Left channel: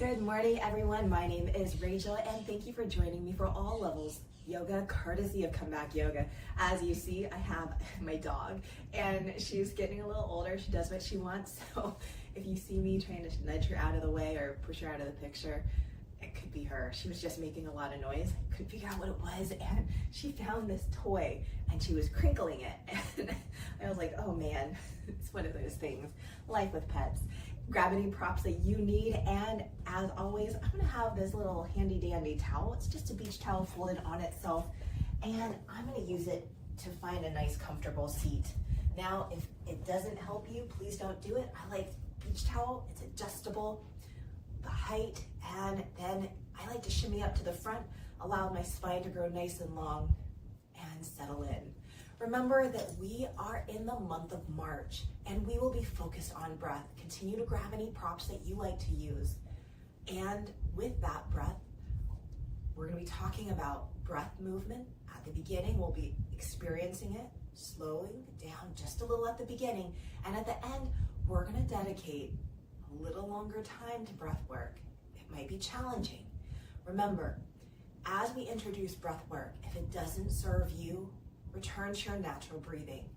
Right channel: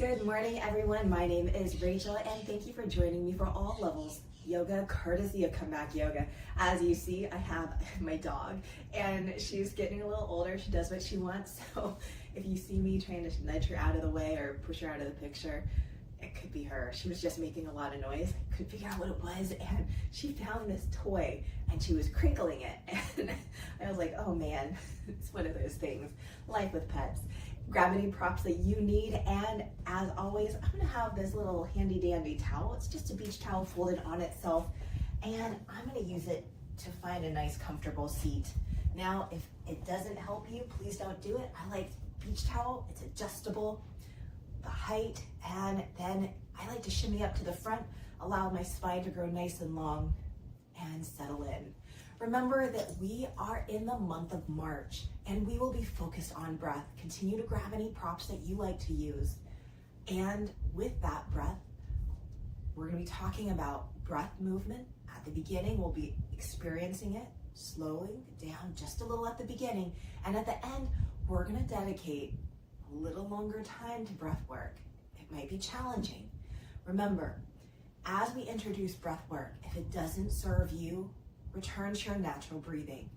Good morning, everyone. My name is Rachel, and thank you for joining me for All Levels Yoga, courtesy of Comeback Yoga. As you see, I have my dog, and she's getting a little older. She does what she wants, so if you see me trying to nudge her out of the way or push her out of the picture, it could be her. She was just making a lot of noise. Couldn't figure out what it was, and she found this toy, and she was crinkling it, and I was like, oh man, it's one of those things. Life with pets. Grab any props that you need, and as always, I'm gonna have this little handy dandy towel. It's just a beach towel folded on itself, and I'm gonna use it to find a nice comfortable seat. Now, if it doesn't help you, please don't do it. I like beach towel, it's adjustable, the height, and then I like to shimmy up to the front, allow my spine to grow nice and long, and settle in. Remember that we are in the month of March, and we will be focused on breath. Continue to grab any props that you like to use. And with that breath, we're gonna be talking about breath movement. At the beginning, we'll be experiencing it, slowing down just a little at the beginning. And at the end, we're gonna dedicate a little longer time to breath work. It might be challenging. Remember, as we introduce breath work, if it doesn't serve you, return to your natural breathing.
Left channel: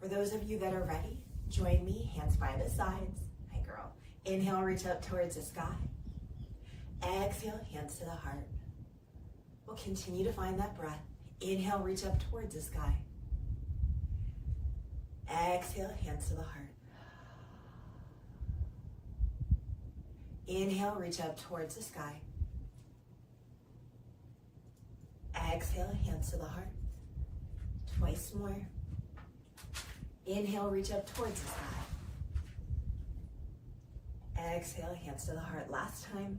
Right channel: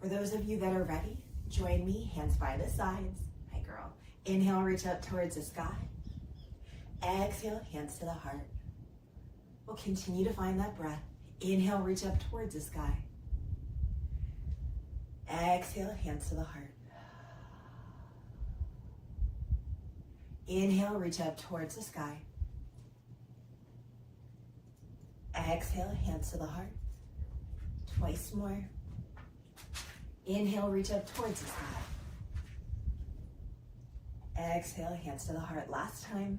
For those of you that are ready, join me, hands by the sides. Hi, girl. Inhale, reach up towards the sky. Exhale, hands to the heart. We'll continue to find that breath. Inhale, reach up towards the sky. Exhale, hands to the heart. Inhale, reach up towards the sky. Exhale, hands to the heart. Twice more. Inhale, reach up towards the sky. Exhale, hands to the heart. Last time.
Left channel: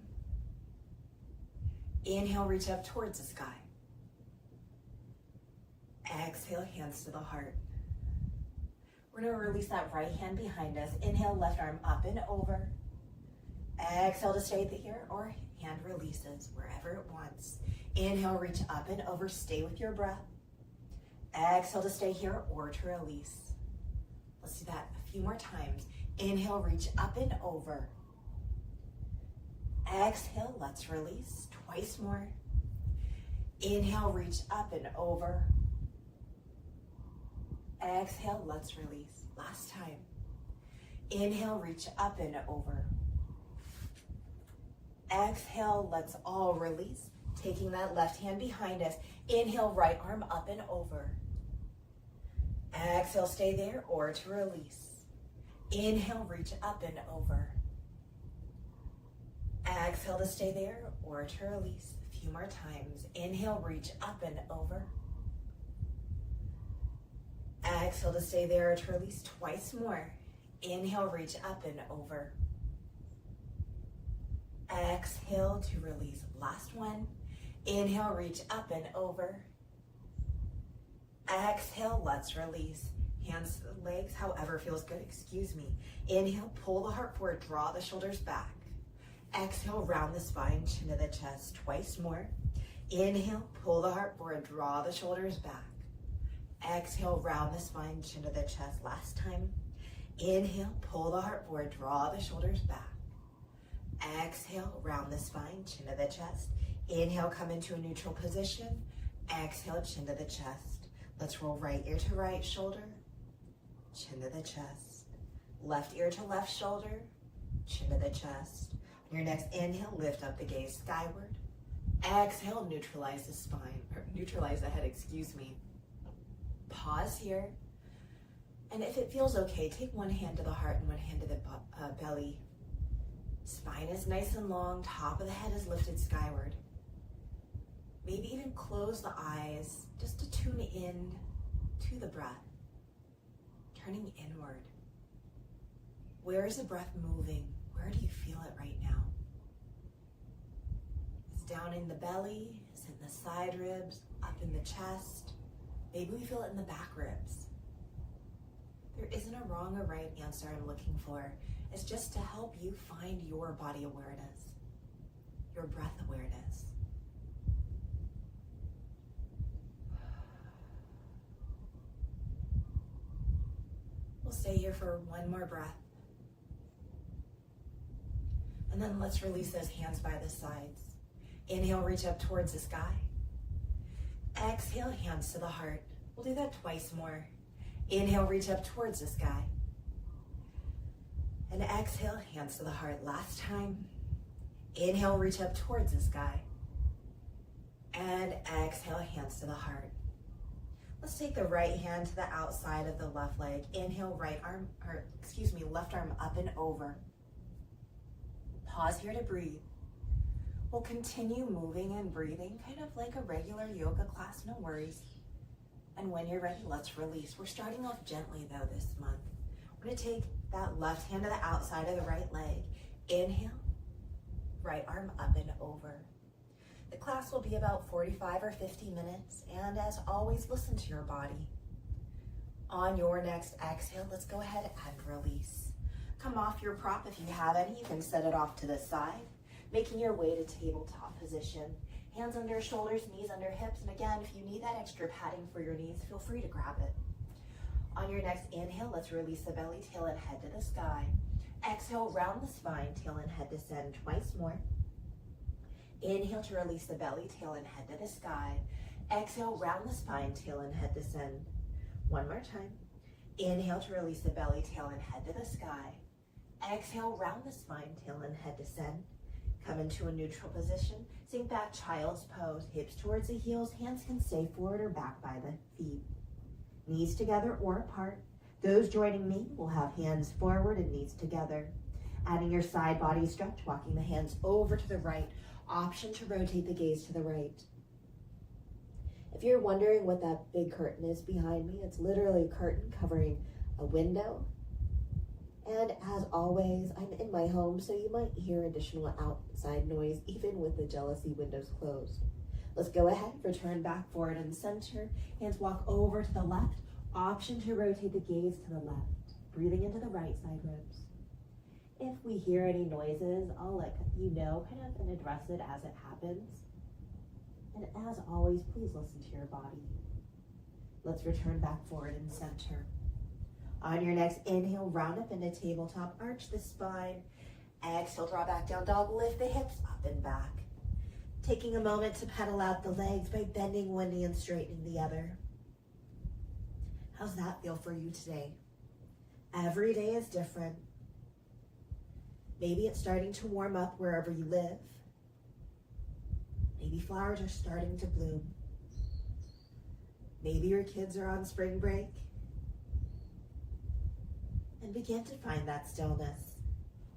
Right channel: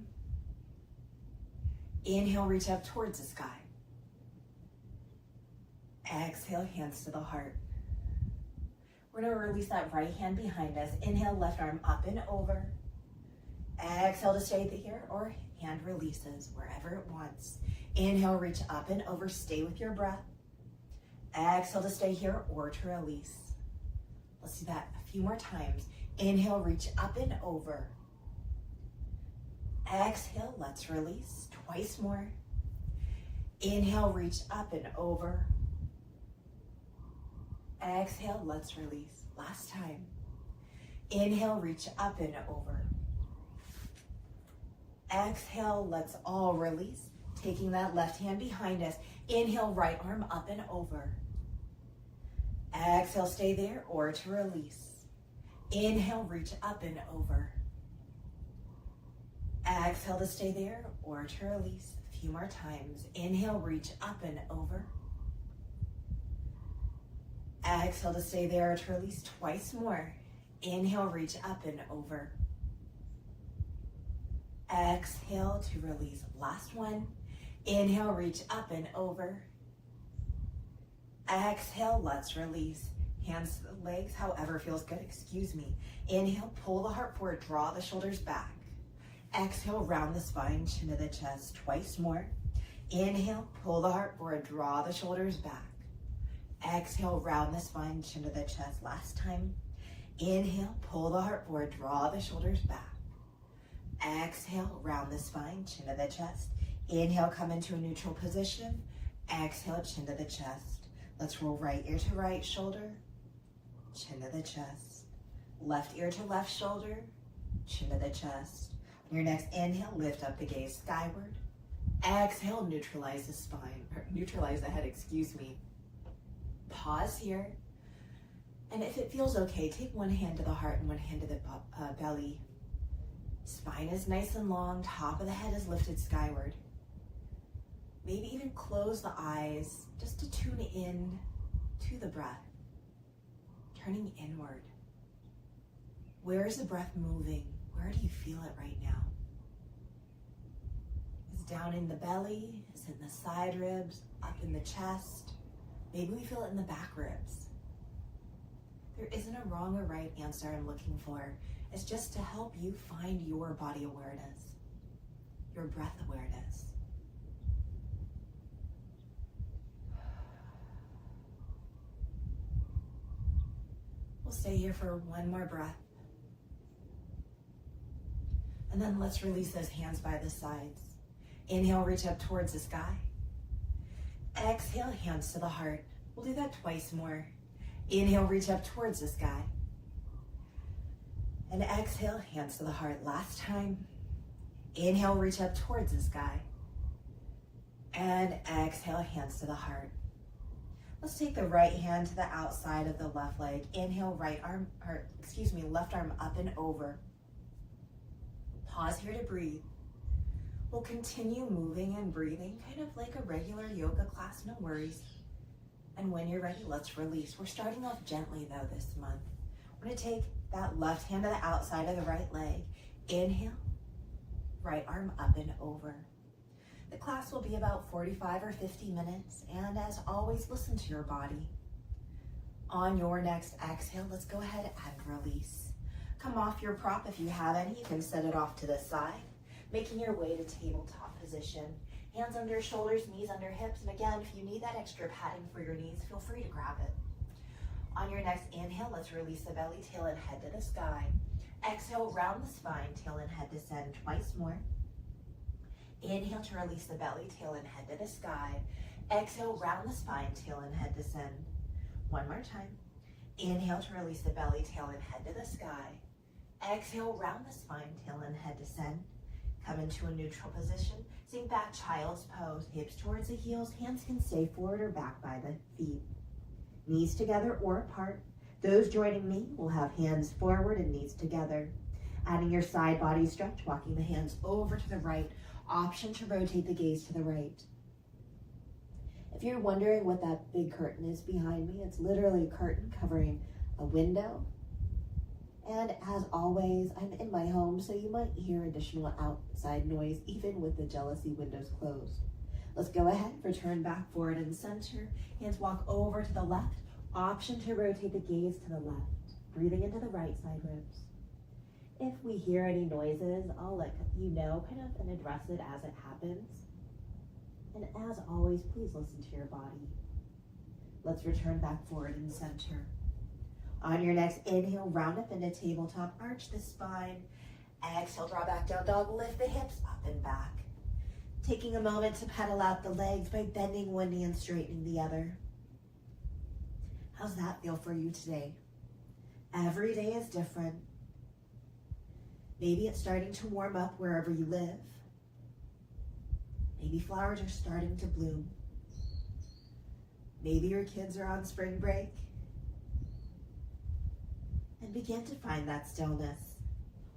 Inhale, reach up towards the sky. Exhale, hands to the heart. We're going to release that right hand behind us. Inhale, left arm up and over. Exhale to stay here, or hand releases wherever it wants. Inhale, reach up and over. Stay with your breath. Exhale to stay here or to release. Let's do that a few more times. Inhale, reach up and over. Exhale, let's release. Twice more. Inhale, reach up and over. Exhale, let's release. Last time. Inhale, reach up and over. Exhale, let's all release. Taking that left hand behind us. Inhale, right arm up and over. Exhale, stay there or to release. Inhale, reach up and over. Exhale to stay there or to release. A few more times. Inhale, reach up and over. Exhale to stay there or to release. Twice more. Inhale, reach up and over. Exhale to release. Last one. Inhale, reach up and over. Exhale, let's release. Hands to the legs, however feels good, excuse me. Inhale, pull the heart forward, draw the shoulders back. Exhale, round the spine, chin to the chest, twice more. Inhale, pull the heart forward, draw the shoulders back. Exhale, round the spine, chin to the chest. Last time. Inhale, pull the heart forward, draw the shoulders back. Exhale, round the spine, chin to the chest. Inhale, come into a neutral position. Exhale, chin to the chest. Let's roll right ear to right shoulder, chin to the chest. Left ear to left shoulder, chin to the chest. On your next inhale, lift up the gaze skyward. Exhale, neutralize the spine, or neutralize the head, excuse me. Pause here. And if it feels okay, take one hand to the heart and one hand to the belly. Spine is nice and long, top of the head is lifted skyward. Maybe even close the eyes just to tune in to the breath, turning inward. Where is the breath moving? Where do you feel it right now? Is it down in the belly? Is it in the side ribs? Up in the chest? Maybe we feel it in the back ribs. There isn't a wrong or right answer I'm looking for. It's just to help you find your body awareness, your breath awareness. We'll stay here for one more breath. And then let's release those hands by the sides. Inhale, reach up towards the sky. Exhale, hands to the heart. We'll do that twice more. Inhale, reach up towards the sky. And exhale, hands to the heart. Last time. Inhale, reach up towards the sky. And exhale, hands to the heart. Let's take the right hand to the outside of the left leg. Inhale, left arm up and over. Pause here to breathe. We'll continue moving and breathing, kind of like a regular yoga class, no worries. And when you're ready, let's release. We're starting off gently though this month. We're gonna take that left hand to the outside of the right leg. Inhale, right arm up and over. The class will be about 45 or 50 minutes, and as always, listen to your body. On your next exhale, let's go ahead and release. Come off your prop if you have any. You can set it off to the side, making your way to tabletop position. Hands under shoulders, knees under hips, and again, if you need that extra padding for your knees, feel free to grab it. On your next inhale, let's release the belly, tail, and head to the sky. Exhale, round the spine, tail and head descend twice more. Inhale to release the belly, tail, and head to the sky. Exhale, round the spine, tail, and head descend. One more time. Inhale to release the belly, tail, and head to the sky. Exhale, round the spine, tail, and head descend. Come into a neutral position. Sink back, child's pose. Hips towards the heels. Hands can stay forward or back by the feet. Knees together or apart. Those joining me will have hands forward and knees together. Adding your side body stretch, walking the hands over to the right. Option to rotate the gaze to the right. If you're wondering what that big curtain is behind me, it's literally a curtain covering a window. And as always, I'm in my home, so you might hear additional outside noise, even with the jealousy windows closed. Let's go ahead, return back, forward, and center. Hands walk over to the left. Option to rotate the gaze to the left. Breathing into the right side ribs. If we hear any noises, I'll let you know, kind of, and address it as it happens. And as always, please listen to your body. Let's return back, forward, and center. On your next inhale, round up into tabletop, arch the spine. Exhale, draw back down dog, lift the hips up and back. Taking a moment to pedal out the legs by bending one knee and straightening the other. How's that feel for you today? Every day is different. Maybe it's starting to warm up wherever you live. Maybe flowers are starting to bloom. Maybe your kids are on spring break. And begin to find that stillness.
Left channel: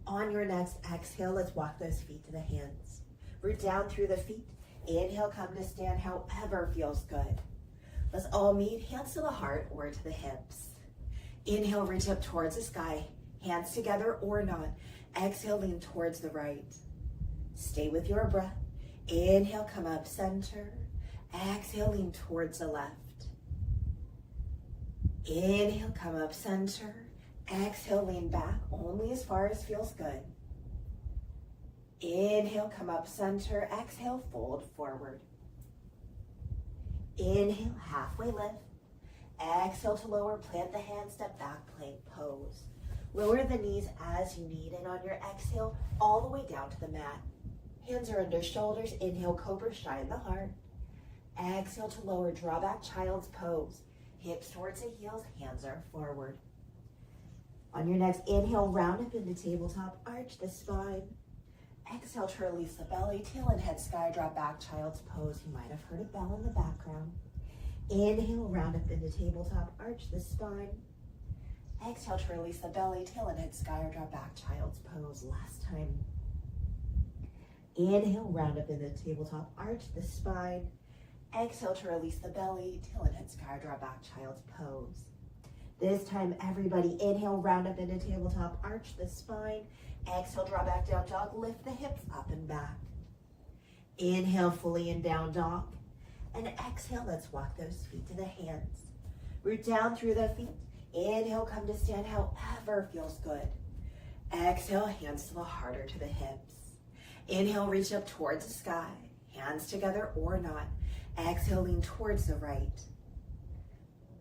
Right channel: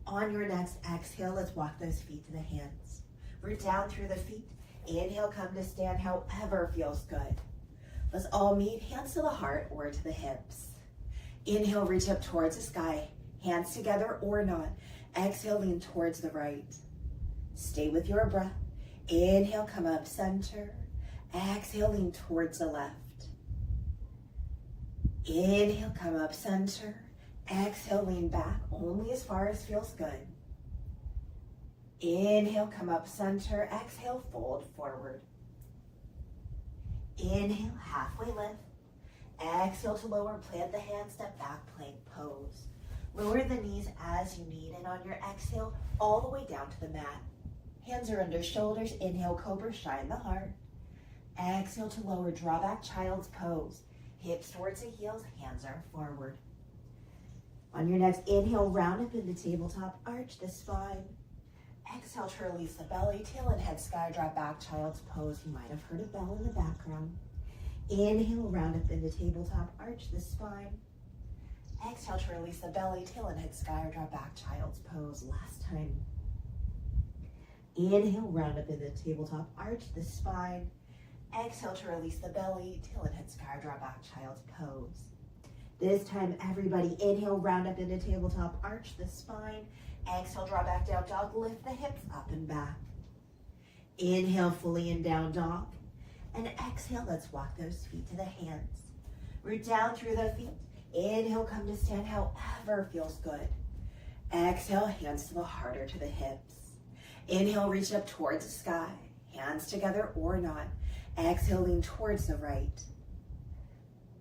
On your next exhale, let's walk those feet to the hands. Root down through the feet. Inhale, come to stand however feels good. Let's all meet, hands to the heart or to the hips. Inhale, reach up towards the sky. Hands together or not. Exhale, lean towards the right. Stay with your breath. Inhale, come up center. Exhale, lean towards the left. Inhale, come up center. Exhale, lean back only as far as feels good. Inhale, come up center. Exhale, fold forward. Inhale, halfway lift. Exhale to lower, plant the hands, step back, plank pose. Lower the knees as you need, and on your exhale, all the way down to the mat. Hands are under shoulders. Inhale, cobra, shine the heart. Exhale to lower, draw back, child's pose. Hips towards the heels, hands are forward. On your next inhale, round up into tabletop, arch the spine. Exhale to release the belly, tail and head sky, drop back, child's pose. You might have heard a bell in the background. Inhale, round up into tabletop, arch the spine. Exhale to release the belly, tail and head sky, or drop back, child's pose. Last time. Inhale, round up into tabletop, arch the spine. Exhale to release the belly, tail and head sky, or drop back, child's pose. This time, everybody, inhale, round up into tabletop, arch the spine. Exhale, draw back, down dog, lift the hips up and back. Inhale, fully in down dog. And exhale, let's walk those feet to the hands. Root down through the feet. Inhale, come to stand however feels good. Exhale, hands to the heart or to the hips. Inhale, reach up towards the sky. Hands together or not. Exhale, lean towards the right.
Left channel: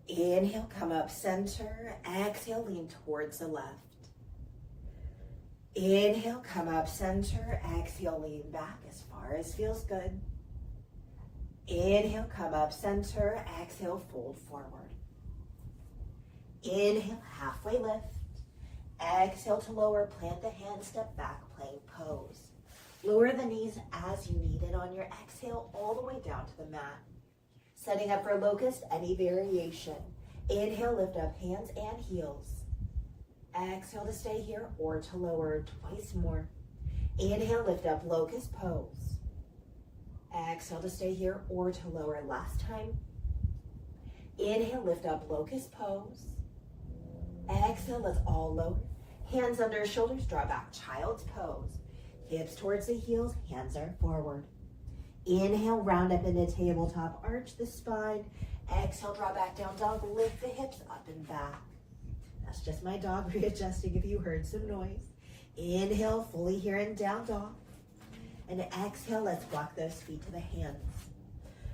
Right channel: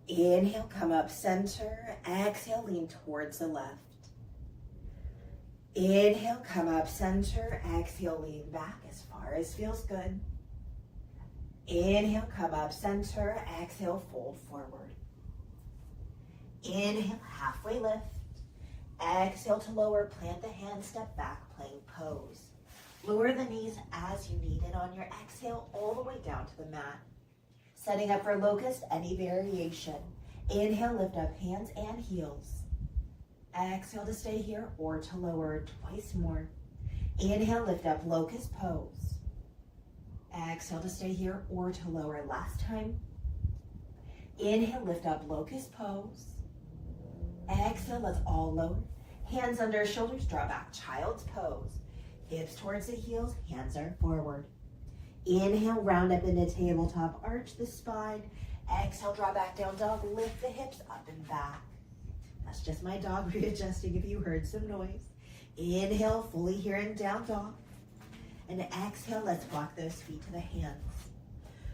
Inhale, come up center. Exhale, lean towards the left. Inhale, come up center. Exhale, lean back as far as feels good. Inhale, come up center. Exhale, fold forward. Inhale, halfway lift. Exhale to lower, plant the hands, step back, plank pose. Lower the knees as you need it on your exhale all the way down to the mat. Setting up for locust, any variation. Inhale, lift up hands and heels. Exhale to stay here or to lower twice more. Inhale, lift up locust pose. Exhale to stay here or to lower last time. Inhale, lift up locust pose. Exhale, let's all lower. Hands under shoulders, draw back, child's pose. Hips towards the heels, hands are forward. Inhale, round up into tabletop, arch the spine. Exhale, draw back, down dog, lift the hips up and back. That's just my dog readjusting if you heard some noise. Inhale, fully here in down dog. And exhale, let's walk those feet to the hands.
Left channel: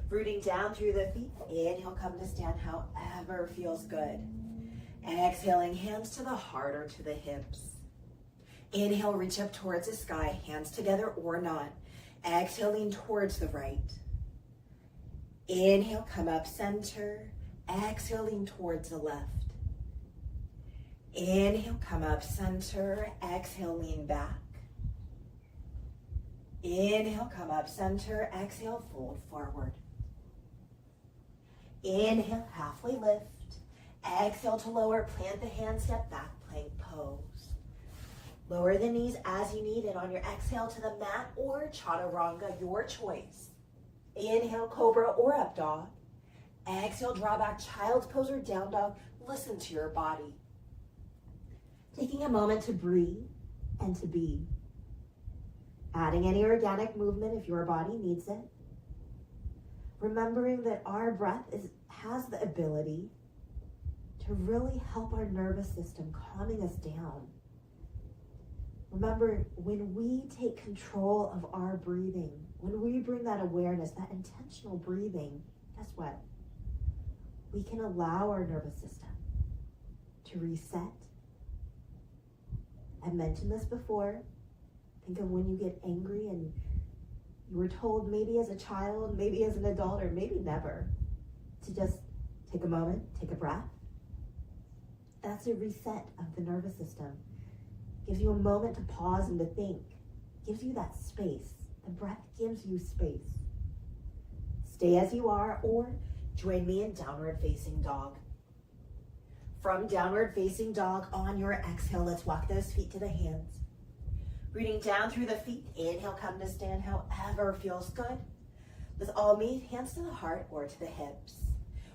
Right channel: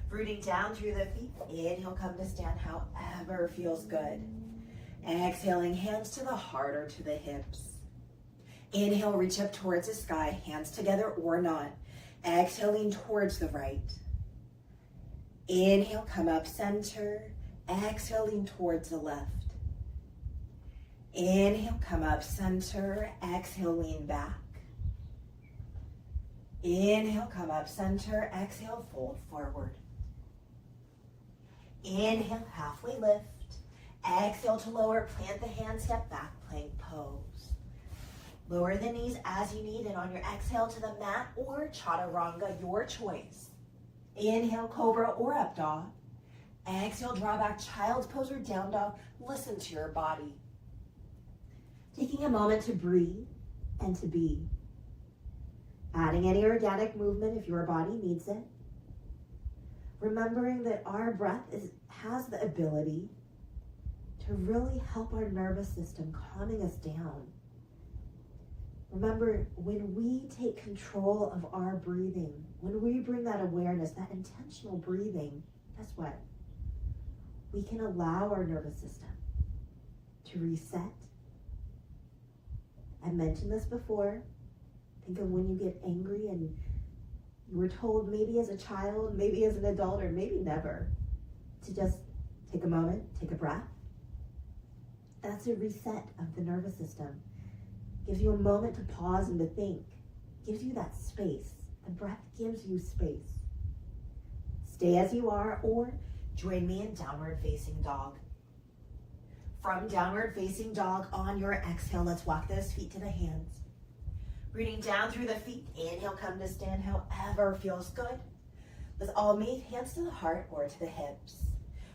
Rooting down through the feet. Inhale, come to stand however feels good. Exhaling, hands to the heart or to the hips. Inhale, reach up towards the sky, hands together or not. Exhaling towards the right. Inhale, come up center. Exhaling towards the left. Inhale, come up center. Exhale, lean back. Inhale, come up center. Exhale, fold forward. Inhale, halfway lift. Exhale to lower, plant the hands, step back, plank pose. Lower the knees as you need it on your exhale to the mat or chaturanga, your choice. Inhale, cobra or up dog. Exhale, draw back, child's pose or down dog. Listen to your body. Taking a moment to breathe and to be. Adding any organic movement if your body needs it. Remembering that our breath has the ability to really help our nervous system, calming us down. Remember, when we take control of our breathing, when we bring that awareness, that intentional breathing, guess what? We can allow our nervous system to reset. I mentioned this before. Think of when you get angry and you were told maybe as a child, maybe as an adult, or maybe never, to just take a moment, take a breath. That's a reset of the nervous system. Gives you a moment to pause and to think. Gives you that space. The breath gives you space. Stay as you are or join me in downward facing dog. From downward facing dog, on your exhale, let's walk those feet to the hands. Rooting down through the feet. Inhale, come to stand however feels good. Let's all meet, hands to the heart or to the hips.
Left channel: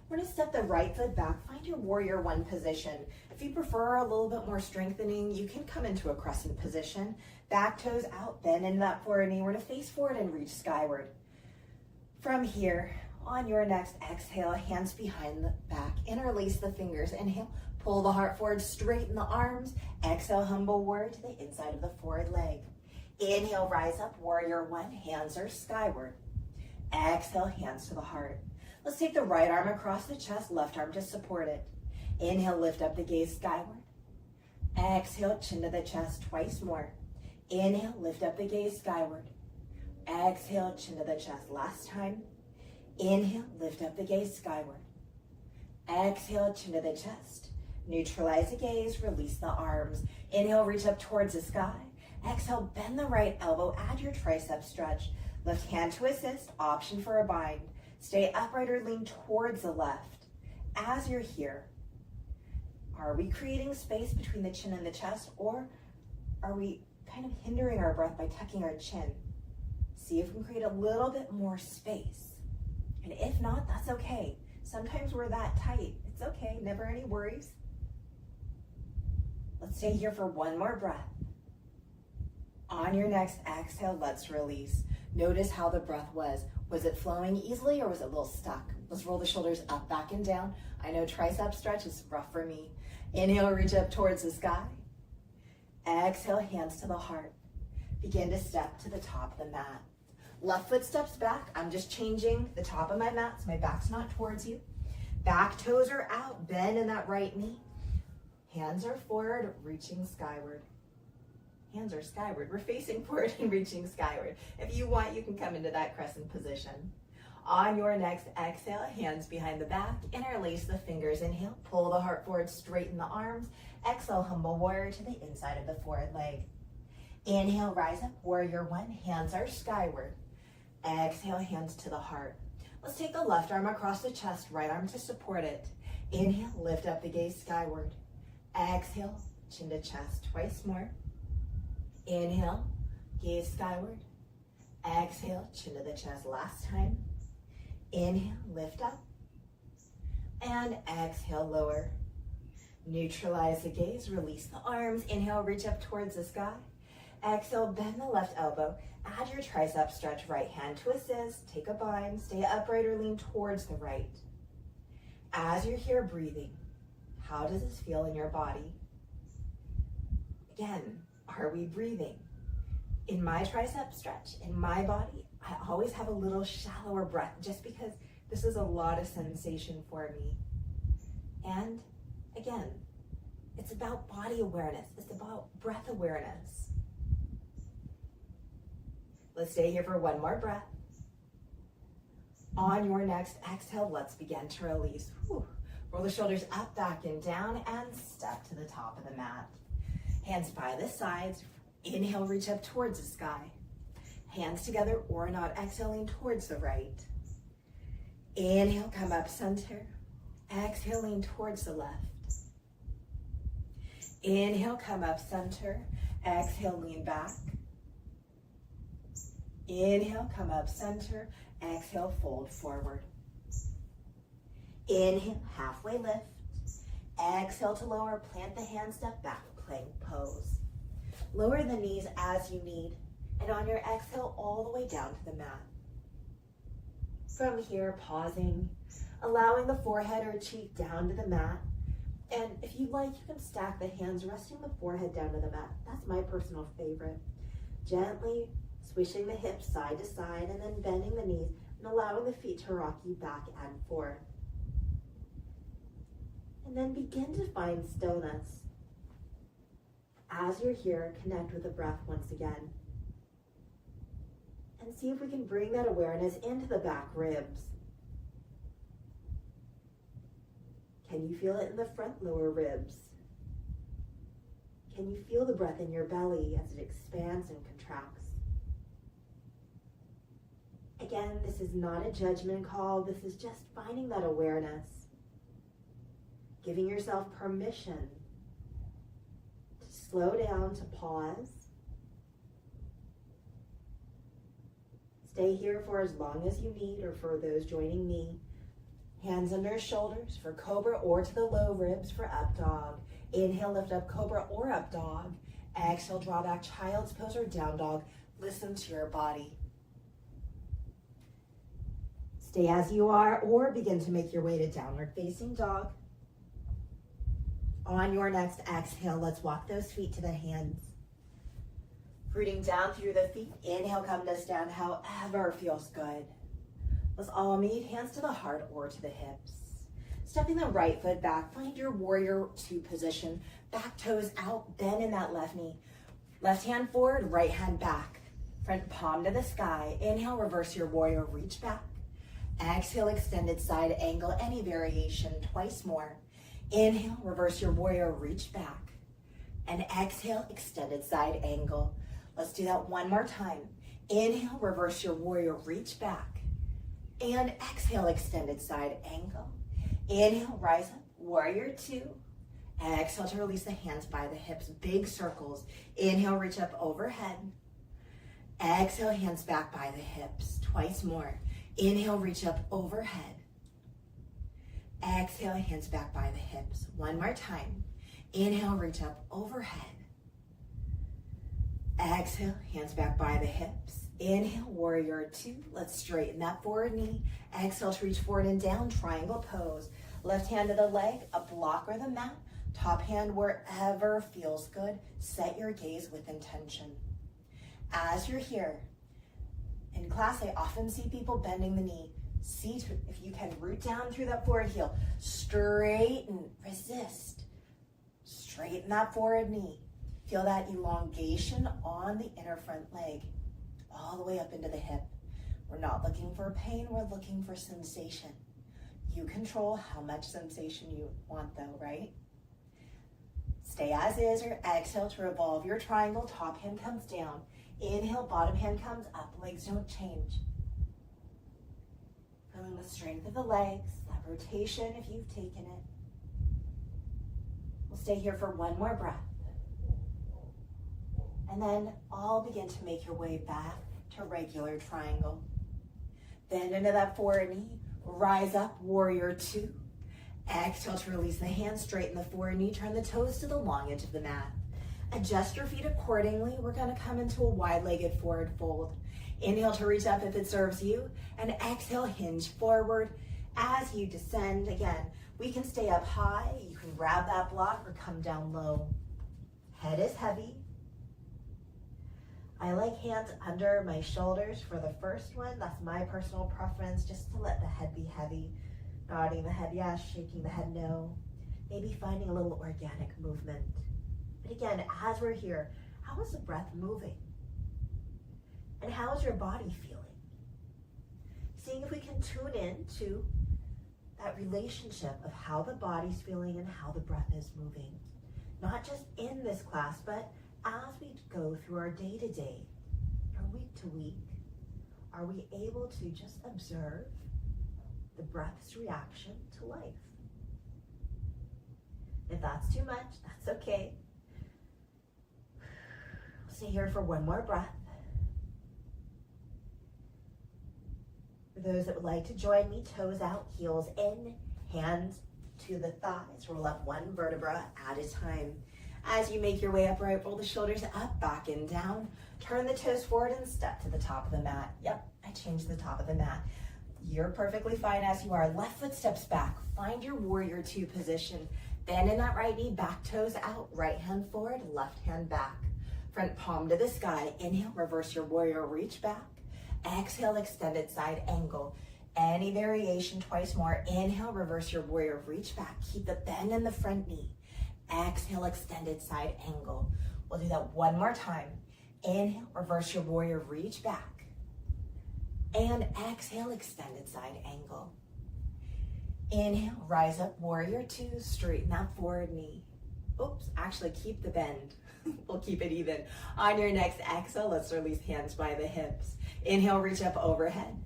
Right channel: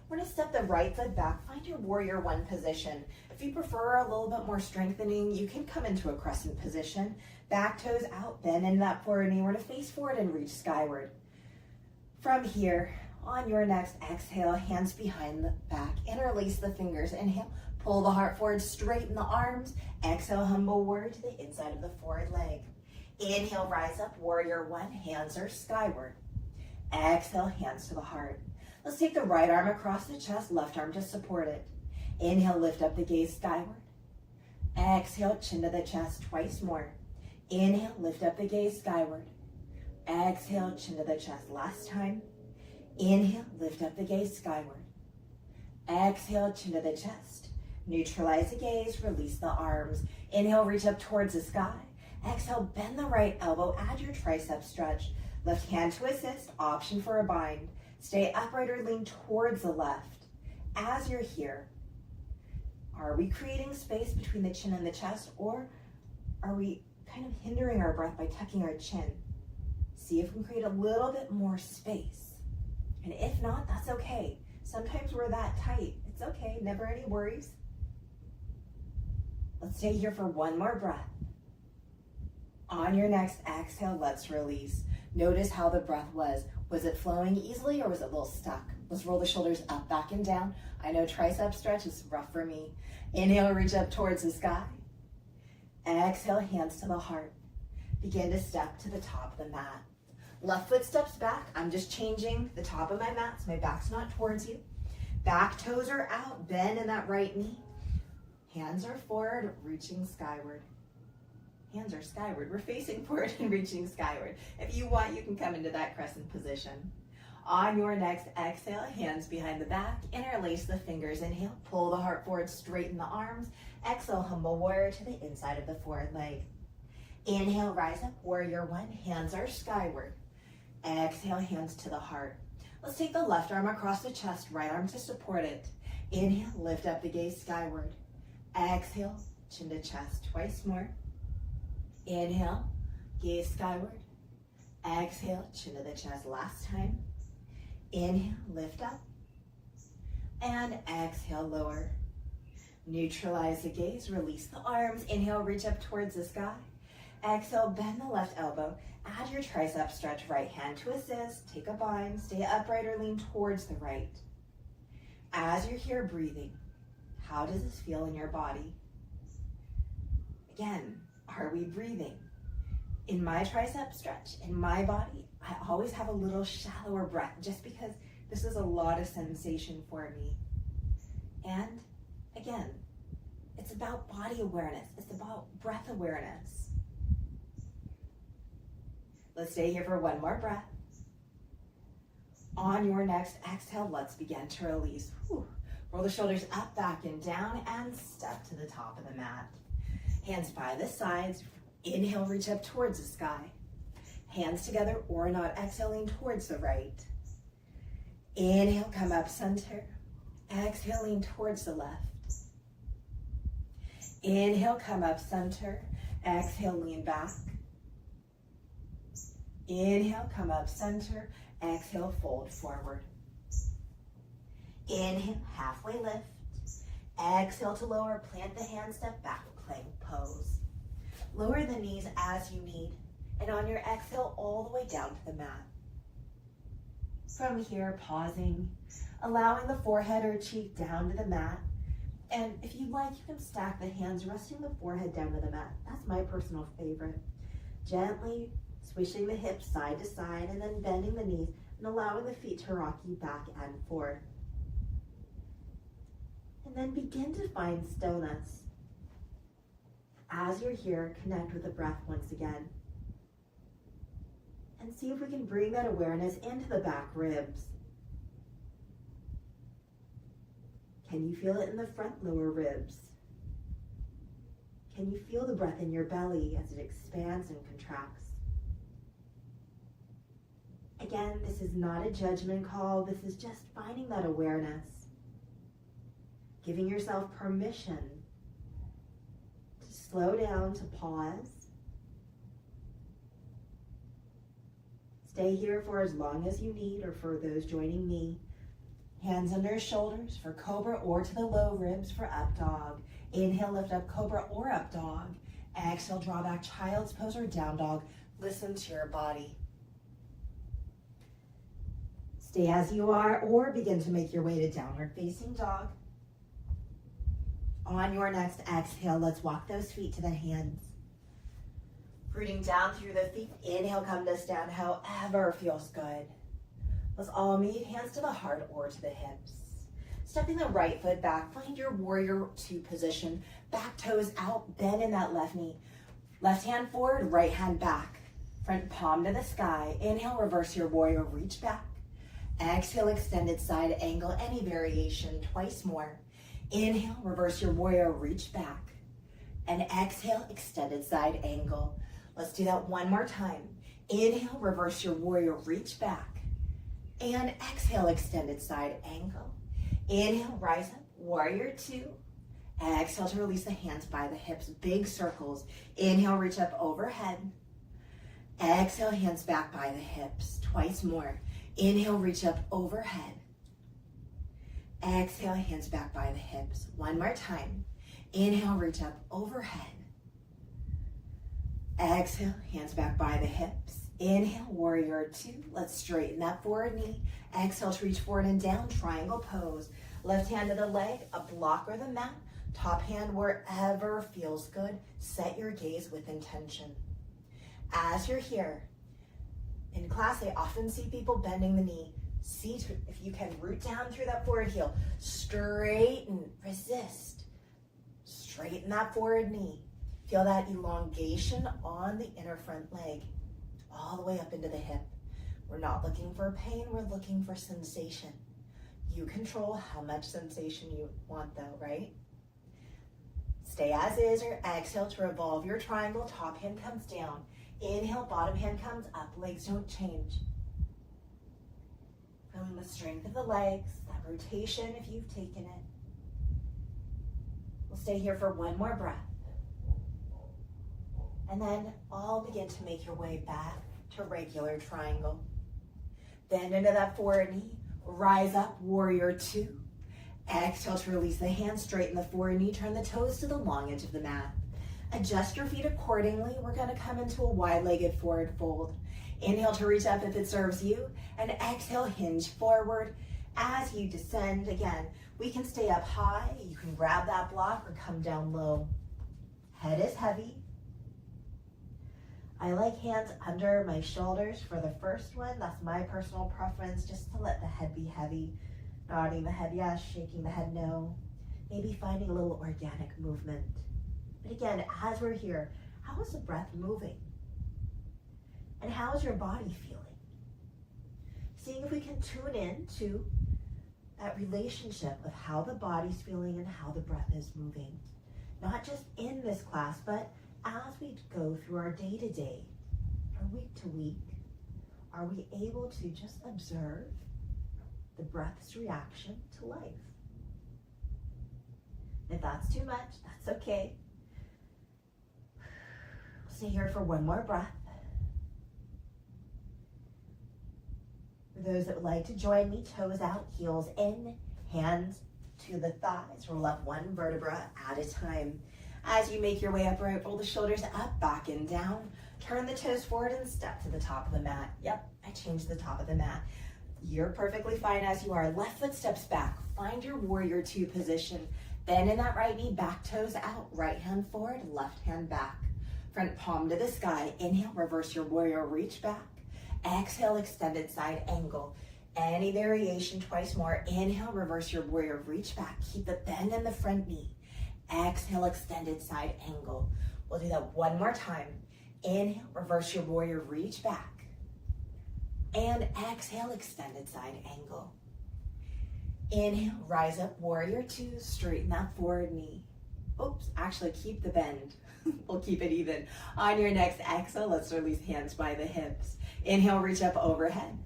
We're going to step the right foot back. Find your warrior one position. If you prefer a little bit more strengthening, you can come into a crescent position. Back toes out, bend in that forward knee. We're going to face forward and reach skyward. From here, on your next exhale, hands behind the back. Interlace the fingers. Inhale, pull the heart forward, straighten the arms. Exhale, humble warrior to the inside of the forward leg. Inhale, rise up, warrior one. Hands are skyward. Exhale, hands to the heart. Let's take the right arm across the chest, left arm to support it. Inhale, lift up the gaze skyward. Exhale, chin to the chest twice more. Inhale, lift up the gaze skyward. Exhale, chin to the chest. Last time. Inhale, lift up the gaze skyward. Exhale, chin to the chest. Neutralize the gaze, release the arms. Inhale, reach up towards the sky. Exhale, bend the right elbow, add your tricep stretch. Left hand to assist, option for a bind. Stay upright or lean towards the left. As you're here, are we creating space between the chin and the chest, or are we kind of hindering our breath by tucking our chin? See if we can create a little bit more space. And if not, that's okay. Sometimes we're that tight. It's okay, never any worries. Let's stay here for one more breath. On your next exhale, let's release. Notice how the breath was. Was it flowing easily or was it a little stuck? Let's roll the shoulders up, back, and down. I know tricep stretch is rough for me. Inhale, reach up towards the sky. Exhale, hands to the heart. Begin to step to the top of the mat. Left foot steps back. I'm just changing the top of my mat so my back's not towards you. Back toes are out, bend in that right knee. Hands are forward, reaching skyward. Hands are skyward. We're facing forward and reaching skyward. If you want, you can come into that crescent position. On your next exhale, hands behind the back, interlace the fingers. Inhale, pull the heart forward, straighten the arms. Exhale, humble warrior to the inside of the forward leg. Inhale, rise up, warrior one, hands are skyward. Exhale, hands to the heart. Let's take the left arm across the chest, right arm to support it. Inhale, lift up the gaze skyward. Exhale, chin to chest, twice more. Inhale, gaze skyward. Exhale, chin to the chest, last time. Inhale, lift up. And exhale, lower. Neutralize the gaze, release the arms. Inhale, reach up towards the sky. Exhale, bend the left elbow. Add your tricep stretch, right hand to assist. Take a bind, stay upright or lean towards the right. As you're here breathing, how does this feel in your body? Again, are we breathing? In my tricep stretch, in my body, I always have a little shallower breath just because this is a lot of sensation for me. And again, it's about body awareness. It's about breath awareness. Let's stay here for one more breath. On your next exhale, let's begin to release. Whew. Roll the shoulders up, back, and down, and step to the top of the mat. Hands by the sides. Inhale, reach up towards the sky. Hands together or not, exhaling towards the right. Inhale, come up center. Exhaling towards the left. Inhale, come up center. Exhale, lean back. Inhale, come up center. Exhale, fold forward. Inhale, halfway lift. Exhale to lower, plant the hands, step back, plank pose. Lower the knees as you need. And on your exhale, all the way down to the mat. From here, pausing, allowing the forehead or cheek down to the mat. And if you'd like, you can stack the hands, resting the forehead down to the mat. That's my personal favorite. Gently swishing the hips side to side and then bending the knees and allowing the feet to rock you back and forth. And then begin to find stillness. As you're here, connect with the breath once again. And see if we can bring that awareness into the back ribs. Can you feel it in the front lower ribs? Can you feel the breath in your belly as it expands and contracts? Again, this is not a judgment call. This is just finding that awareness. Giving yourself permission to slow down, to pause. Stay here for as long as you need, or for those joining me. Hands under shoulders for cobra or to the low ribs for up dog. Inhale, lift up cobra or up dog. Exhale, draw back child's pose or down dog. Listen to your body. Stay as you are or begin to make your way to downward facing dog. On your next exhale, let's walk those feet to the hands. Rooting down through the feet. Inhale, come to stand however feels good. Let's all meet, hands to the heart or to the hips. Stepping the right foot back, find your warrior two position. Back toes out, bend in that left knee. Left hand forward, right hand back. Front palm to the sky. Inhale, reverse your warrior, reach back. Exhale, extended side angle, any variation, twice more. Inhale, reverse your warrior, reach back. And exhale, extended side angle. Let's do that one more time. Inhale, reverse your warrior, reach back. And exhale, extended side angle. Inhale, rise up, warrior two. Exhale to release the hands by the hips, big circles. Inhale, reach up overhead. Exhale, hands back by the hips, twice more. Inhale, reach up overhead. Exhale, hands back by the hips. One more time. Inhale, reach up overhead. Exhale, hands back by the hips. Inhale, warrior two. Let's straighten that forward knee. Exhale to reach forward and down, triangle pose. Left hand to the leg, a block or the mat. Top hand wherever feels good. Set your gaze with intention. As you're here, in class, I often see people bending the knee. See if you can root down through that forward heel. Straighten, resist. Straighten that forward knee. Feel that elongation on the inner front leg, all the way up into the hip. We're not looking for pain, we're looking for sensation. You control how much sensation you want though, right? Stay as is or exhale to revolve your triangle. Top hand comes down. Inhale, bottom hand comes up. Legs don't change. Feeling the strength of the legs, that rotation if you've taken it. We'll stay here for one more breath. And then all begin to make your way back to regular triangle. Bend into that forward knee. Rise up, warrior two. Exhale to release the hands, straighten the forward knee, turn the toes to the long edge of the mat. Adjust your feet accordingly. We're gonna come into a wide-legged forward fold. Inhale to reach up if it serves you, and exhale, hinge forward. As you descend, again, we can stay up high, you can grab that block or come down low. Head is heavy. I like hands under my shoulders for the first one. That's my personal preference, just to let the head be heavy. Nodding the head yes, shaking the head no. Maybe finding a little organic movement. But again, as we're here, how is the breath moving? And how is your body feeling? Seeing if we can tune in to that relationship of how the body's feeling and how the breath is moving. Not just in this class, but as we go through our day-to-day, our week-to-week, are we able to just observe the breath's reaction to life? If that's too much, that's okay. Stay here for one more breath. For those that would like to join me, toes out, heels in, hands to the thighs. Roll up one vertebra at a time. As you make your way upright, roll the shoulders up, back and down. Turn the toes forward and step to the top of the mat. Yep, I changed the top of the mat. You're perfectly fine as you are. Left foot steps back. Find your warrior two position. Bend in that right knee, back toes out. Right hand forward, left hand back. Front palm to the sky. Inhale, reverse your warrior, reach back. Exhale, extended side angle. Any variation, twice more. Inhale, reverse your warrior, reach back. Keep the bend in the front knee. Exhale, extended side angle. We'll do that one more time. Inhale, reverse your warrior, reach back. And exhale, extended side angle. Inhale, rise up, warrior two, straighten that forward knee. Oops, actually keep the bend. We'll keep it even. On your next exhale, let's release hands by the hips. Inhale, reach up overhead.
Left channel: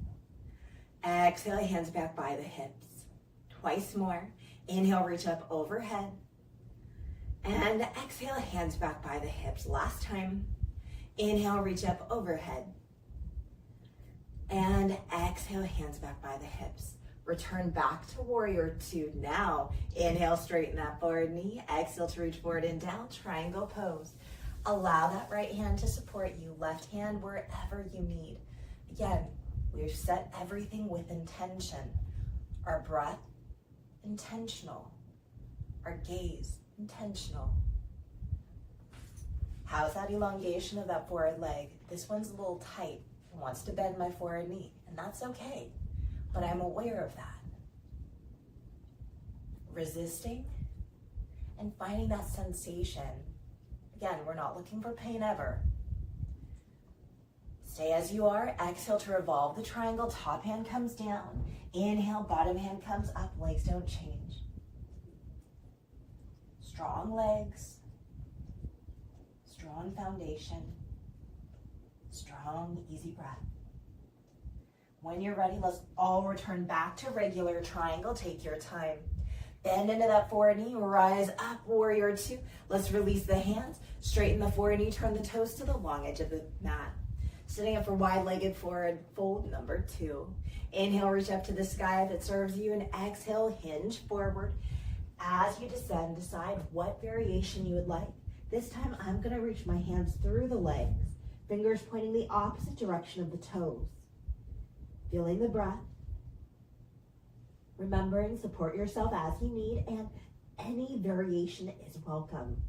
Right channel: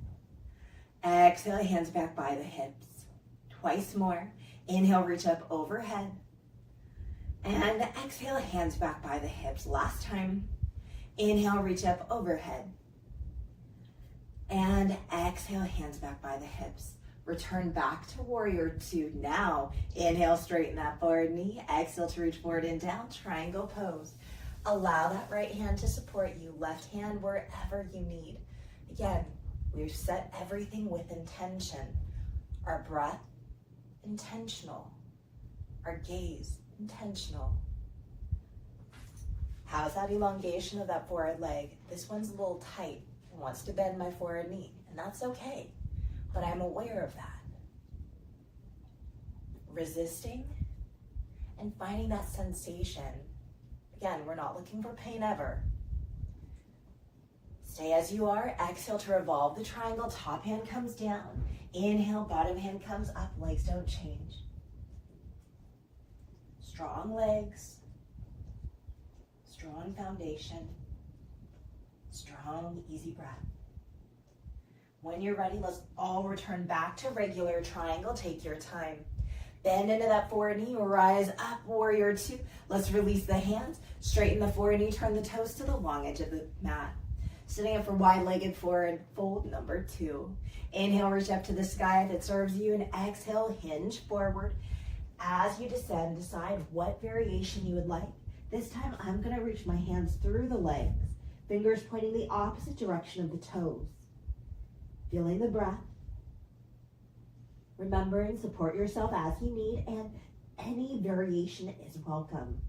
Exhale, hands back by the hips. Twice more. Inhale, reach up overhead. And exhale, hands back by the hips. Last time. Inhale, reach up overhead. And exhale, hands back by the hips. Return back to warrior two. Now, inhale, straighten that forward knee. Exhale to reach forward and down, triangle pose. Allow that right hand to support you. Left hand wherever you need. Again, we've set everything with intention. Our breath, intentional. Our gaze, intentional. How's that elongation of that forward leg? This one's a little tight. It wants to bend my forward knee, and that's okay, but I'm aware of that. Resisting and finding that sensation. Again, we're not looking for pain ever. Stay as you are. Exhale to revolve the triangle. Top hand comes down. Inhale, bottom hand comes up. Legs don't change. Strong legs. Strong foundation. Strong, easy breath. When you're ready, let's all return back to regular triangle. Take your time. Bend into that forward knee, rise up, warrior two. Let's release the hands, straighten the forward knee, turn the toes to the long edge of the mat. Sitting up for wide-legged forward fold number two. Inhale, reach up to the sky if it serves you, and exhale, hinge forward. As you descend, decide what variation you would like. This time, I'm gonna reach my hands through the legs, fingers pointing the opposite direction of the toes. Feeling the breath. Remembering, support yourself as you need, and any variation is welcome.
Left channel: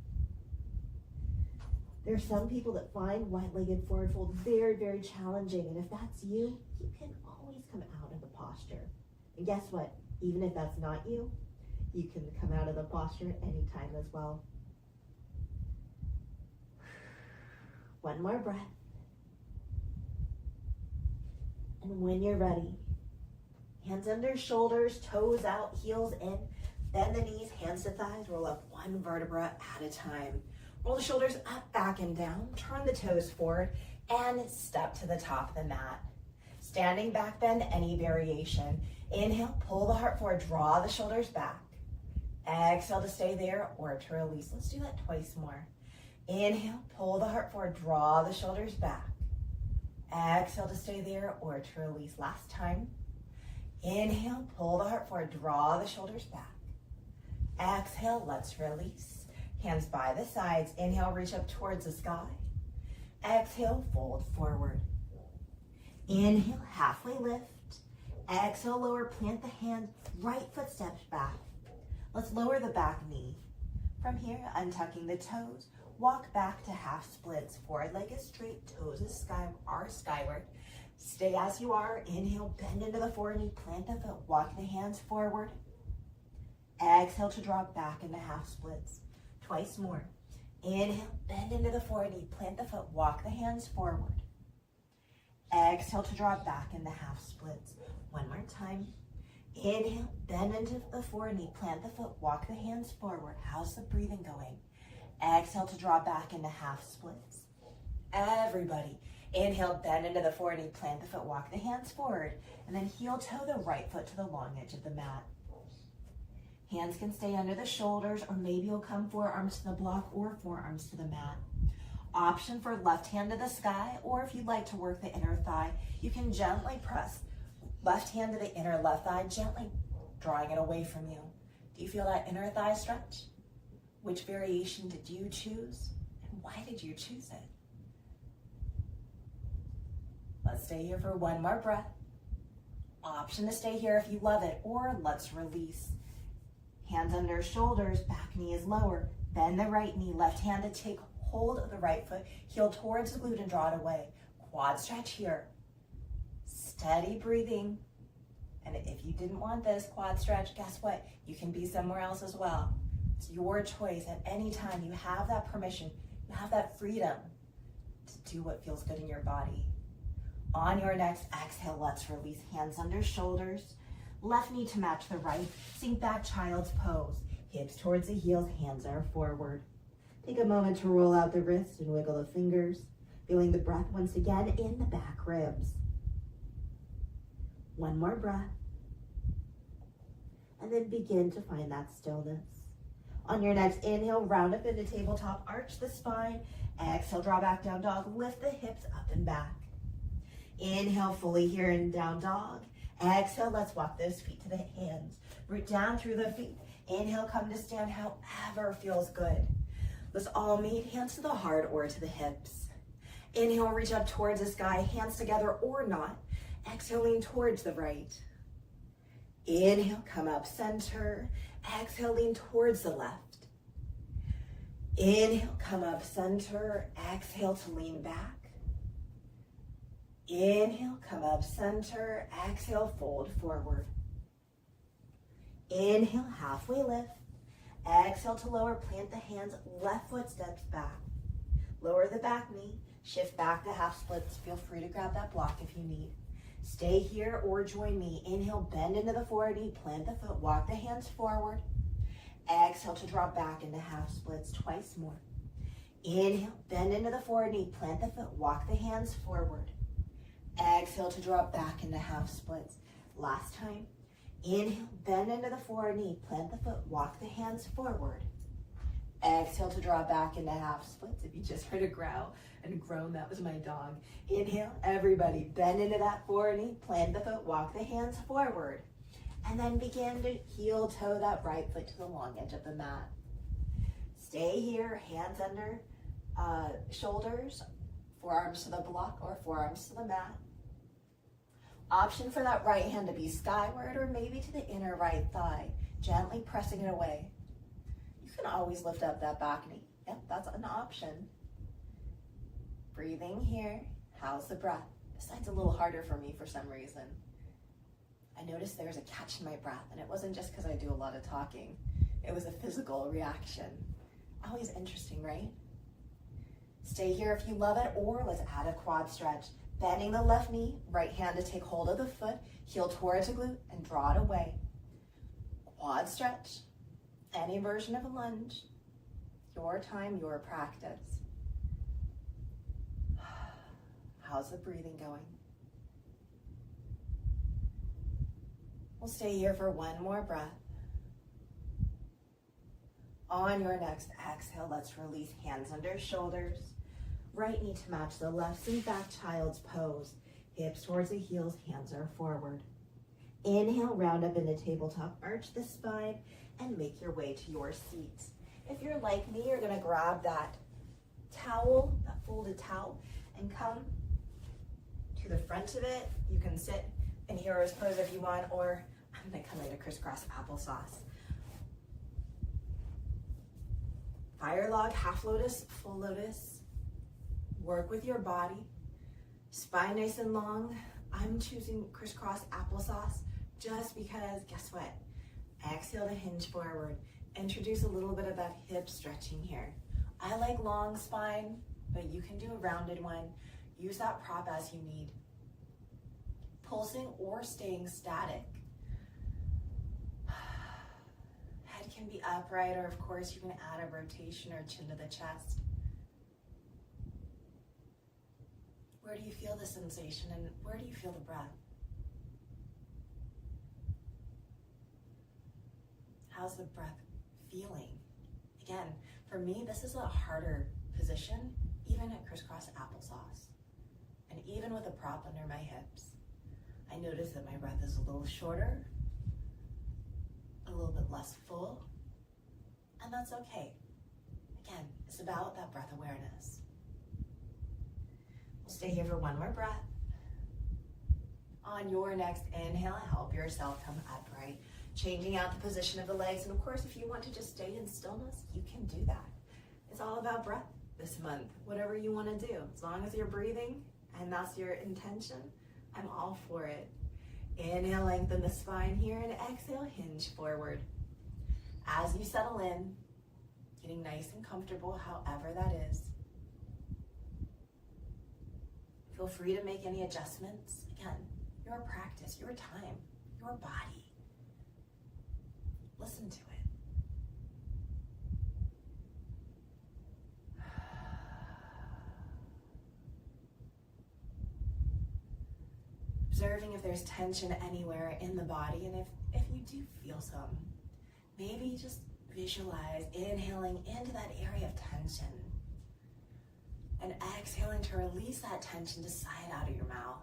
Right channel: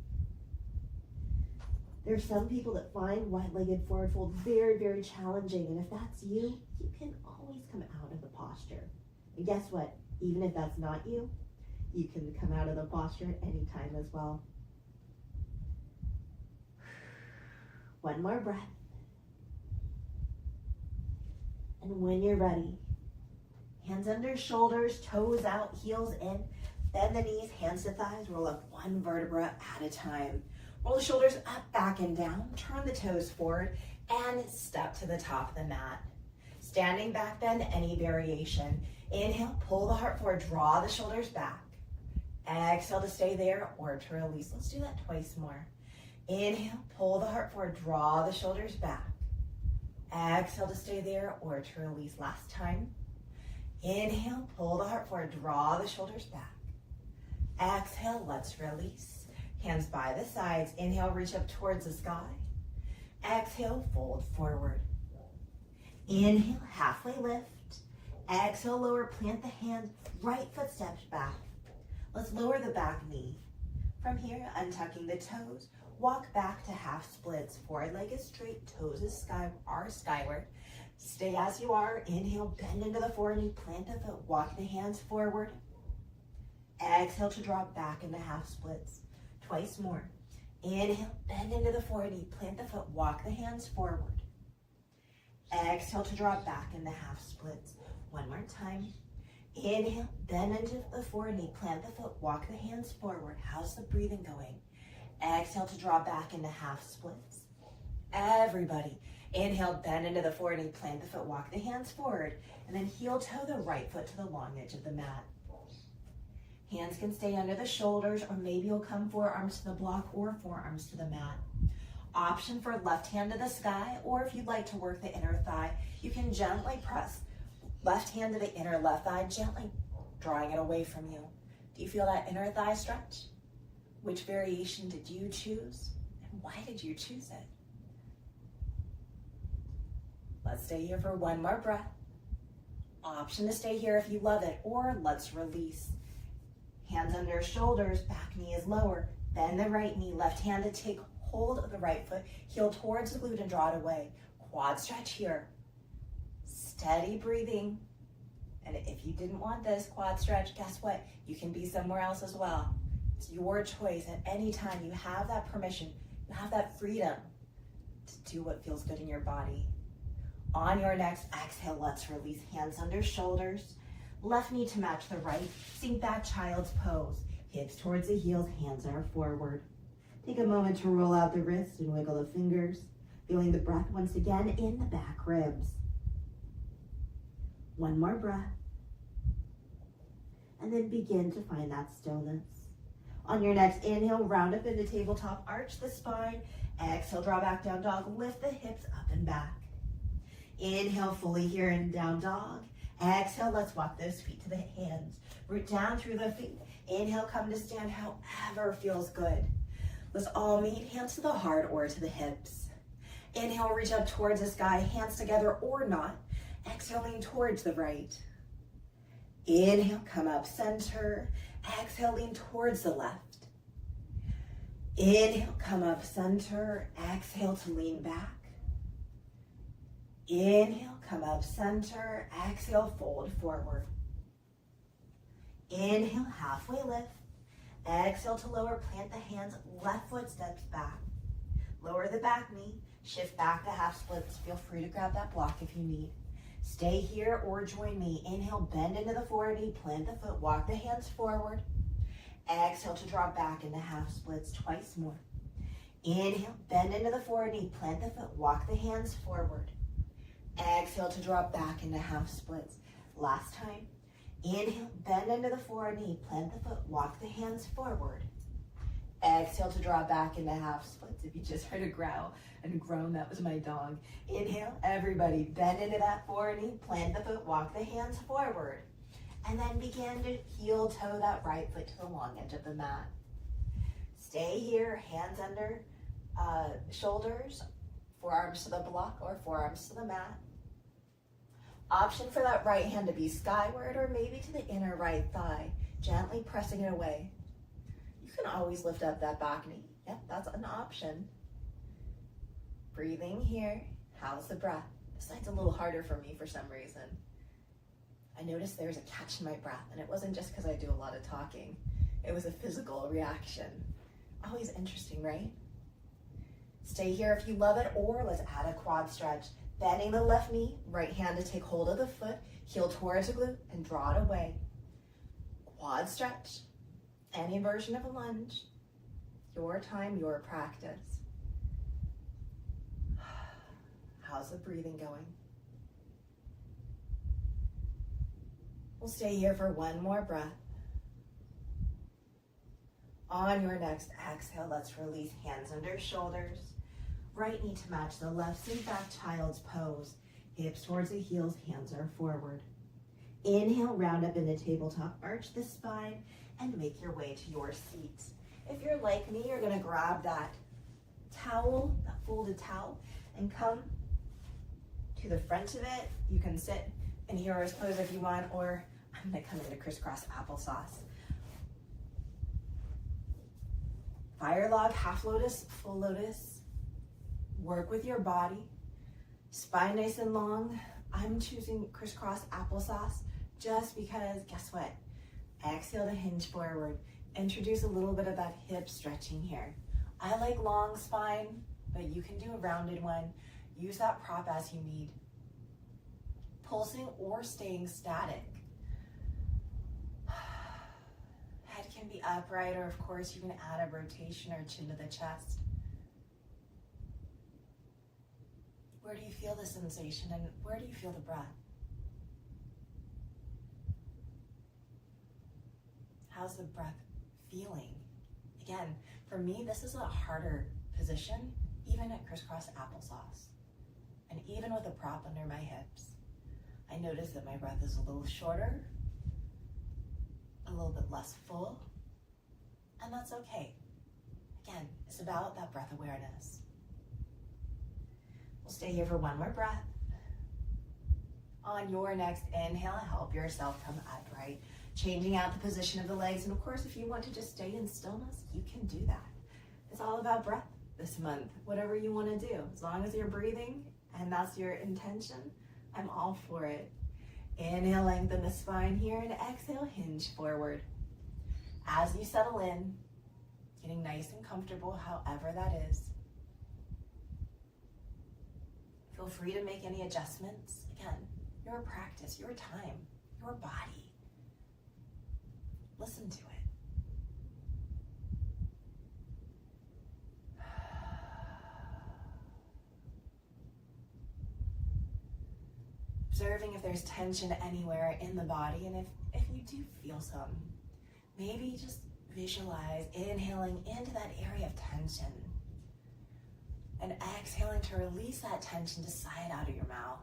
There's some people that find wide-legged forward fold very, very challenging, and if that's you, you can always come out of the posture. And guess what? Even if that's not you, you can come out of the posture anytime as well. One more breath. And when you're ready, hands under shoulders, toes out, heels in. Bend the knees, hands to thighs. Roll up one vertebra at a time. Roll the shoulders up, back, and down. Turn the toes forward and step to the top of the mat. Standing back bend, any variation. Inhale, pull the heart forward, draw the shoulders back. Exhale to stay there or to release. Let's do that twice more. Inhale, pull the heart forward, draw the shoulders back. Exhale to stay there or to release. Last time. Inhale, pull the heart forward, draw the shoulders back. Exhale, let's release. Hands by the sides. Inhale, reach up towards the sky. Exhale, fold forward. Inhale, halfway lift. Exhale, lower, plant the hands, right foot steps back. Let's lower the back knee. From here, untucking the toes, walk back to half splits. Forward leg is straight, toes are skyward. Stay as you are. Inhale, bend into the forward knee, plant the foot, walk the hands forward. Exhale to drop back into half splits. Twice more. Inhale, bend into the forward knee, plant the foot, walk the hands forward. Exhale to drop back into half splits. One more time. Inhale, bend into the forward knee, plant the foot, walk the hands forward. How's the breathing going? Exhale to drop back into half splits. Everybody, inhale, bend into the forward knee, plant the foot, walk the hands forward, and then heel toe the right foot to the long edge of the mat. Hands can stay under the shoulders, or maybe you'll come forearms to the block or forearms to the mat. Option for left hand to the sky, or if you'd like to work the inner thigh, you can gently press left hand to the inner left thigh, gently drawing it away from you. Do you feel that inner thigh stretch? Which variation did you choose? And why did you choose it? Let's stay here for one more breath. Option to stay here if you love it, or let's release. Hands under shoulders, back knee is lower. Bend the right knee, left hand to take hold of the right foot, heel towards the glute and draw it away. Quad stretch here. Steady breathing. And if you didn't want this quad stretch, guess what? You can be somewhere else as well. It's your choice. At any time, you have that permission, you have that freedom to do what feels good in your body. On your next exhale, let's release. Hands under shoulders. Left knee to match the right. Sink back, child's pose. Hips towards the heels, hands are forward. Take a moment to roll out the wrists and wiggle the fingers, feeling the breath once again in the back ribs. One more breath. And then begin to find that stillness. On your next inhale, round up into tabletop, arch the spine. Exhale, draw back, down dog. Lift the hips up and back. Inhale, fully here in down dog. Exhale, let's walk those feet to the hands. Root down through the feet. Inhale, come to stand, however feels good. Let's all meet, hands to the heart or to the hips. Inhale, reach up towards the sky, hands together or not. Exhale, lean towards the right. Inhale, come up center. Exhale, lean towards the left. Inhale, come up center. Exhale to lean back. Inhale, come up center. Exhale, fold forward. Inhale, halfway lift. Exhale to lower, plant the hands, left foot steps back. Lower the back knee, shift back to half splits. Feel free to grab that block if you need. Stay here or join me. Inhale, bend into the forward knee, plant the foot, walk the hands forward. Exhale to drop back into half splits, twice more. Inhale, bend into the forward knee, plant the foot, walk the hands forward. Exhale to drop back into half splits. Last time. Inhale, bend into the forward knee, plant the foot, walk the hands forward. Exhale to draw back into half splits. If you just heard a growl and groan, that was my dog. Inhale, everybody, bend into that forward knee, plant the foot, walk the hands forward. And then begin to heel toe that right foot to the long edge of the mat. Stay here, hands under shoulders, forearms to the block or forearms to the mat. Option for that right hand to be skyward or maybe to the inner right thigh, gently pressing it away. You can always lift up that back knee. Yep, that's an option. Breathing here. How's the breath? This side's a little harder for me for some reason. I noticed there's a catch in my breath, and it wasn't just because I do a lot of talking. It was a physical reaction. Always interesting, right? Stay here if you love it, or let's add a quad stretch. Bending the left knee, right hand to take hold of the foot, heel towards the glute and draw it away. Quad stretch, any version of a lunge, your time, your practice. How's the breathing going? We'll stay here for one more breath. On your next exhale, let's release hands under shoulders. Right knee to match the left, sink back, child's pose. Hips towards the heels, hands are forward. Inhale, round up into tabletop, arch the spine, and make your way to your seat. If you're like me, you're gonna grab that towel, that folded towel, and come to the front of it. You can sit in hero's pose if you want, or I'm gonna come into crisscross applesauce. Fire log, half lotus, full lotus. Work with your body. Spine nice and long. I'm choosing crisscross applesauce just because, guess what? Exhale to hinge forward. Introduce a little bit of that hip stretching here. I like long spine, but you can do a rounded one. Use that prop as you need. Pulsing or staying static. Head can be upright, or of course you can add a rotation or chin to the chest. Where do you feel the sensation, and where do you feel the breath? How's the breath feeling? Again, for me, this is a harder position, even at crisscross applesauce. And even with a prop under my hips, I notice that my breath is a little shorter, a little bit less full, and that's okay. Again, it's about that breath awareness. We'll stay here for one more breath. On your next inhale, help yourself come upright, changing out the position of the legs. And of course, if you want to just stay in stillness, you can do that. It's all about breath this month, whatever you want to do. As long as you're breathing and that's your intention, I'm all for it. Inhale, lengthen the spine here, and exhale, hinge forward. As you settle in, getting nice and comfortable, however that is. Feel free to make any adjustments. Again, your practice, your time, your body. Listen to it. Observing if there's tension anywhere in the body, and if you do feel some, maybe just visualize inhaling into that area of tension and exhaling to release that tension to sigh it out of your mouth.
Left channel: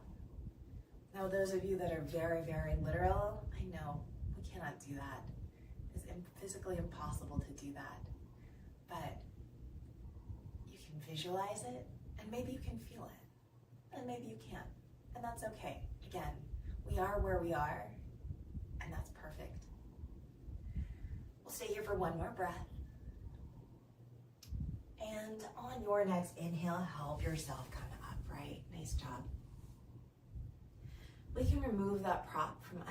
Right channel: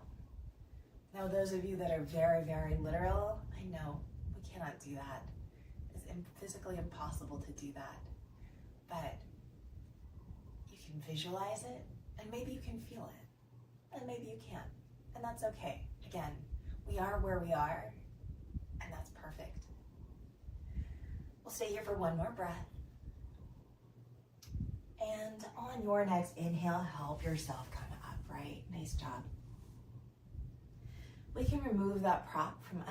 Now, those of you that are very, very literal, I know we cannot do that. It's physically impossible to do that. But you can visualize it, and maybe you can feel it, and maybe you can't, and that's okay. Again, we are where we are, and that's perfect. We'll stay here for one more breath. And on your next inhale, help yourself come upright. Nice job. We can remove that prop from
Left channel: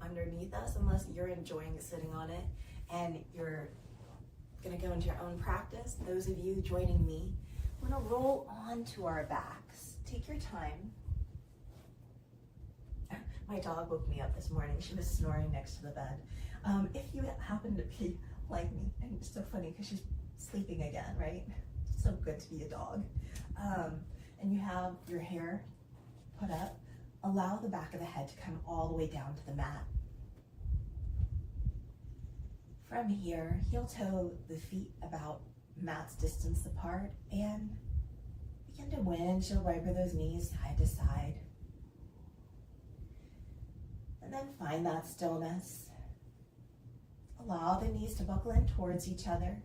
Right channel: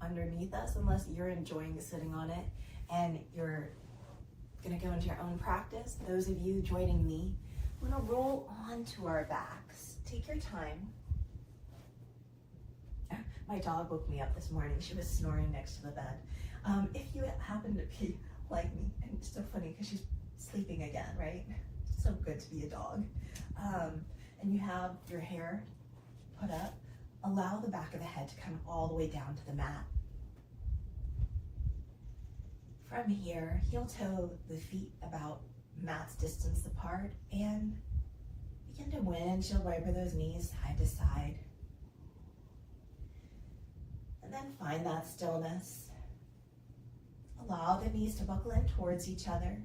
underneath us, unless you're enjoying sitting on it and you're gonna go into your own practice. Those of you joining me, we're gonna roll onto our backs. Take your time. My dog woke me up this morning. She was snoring next to the bed. If you happen to be like me, and it's so funny because she's sleeping again, right? It's so good to be a dog. And you have your hair put up, allow the back of the head to come all the way down to the mat. From here, heel toe the feet about mat's distance apart, and begin to windshield wiper those knees side to side. And then find that stillness. Allow the knees to buckle in towards each other,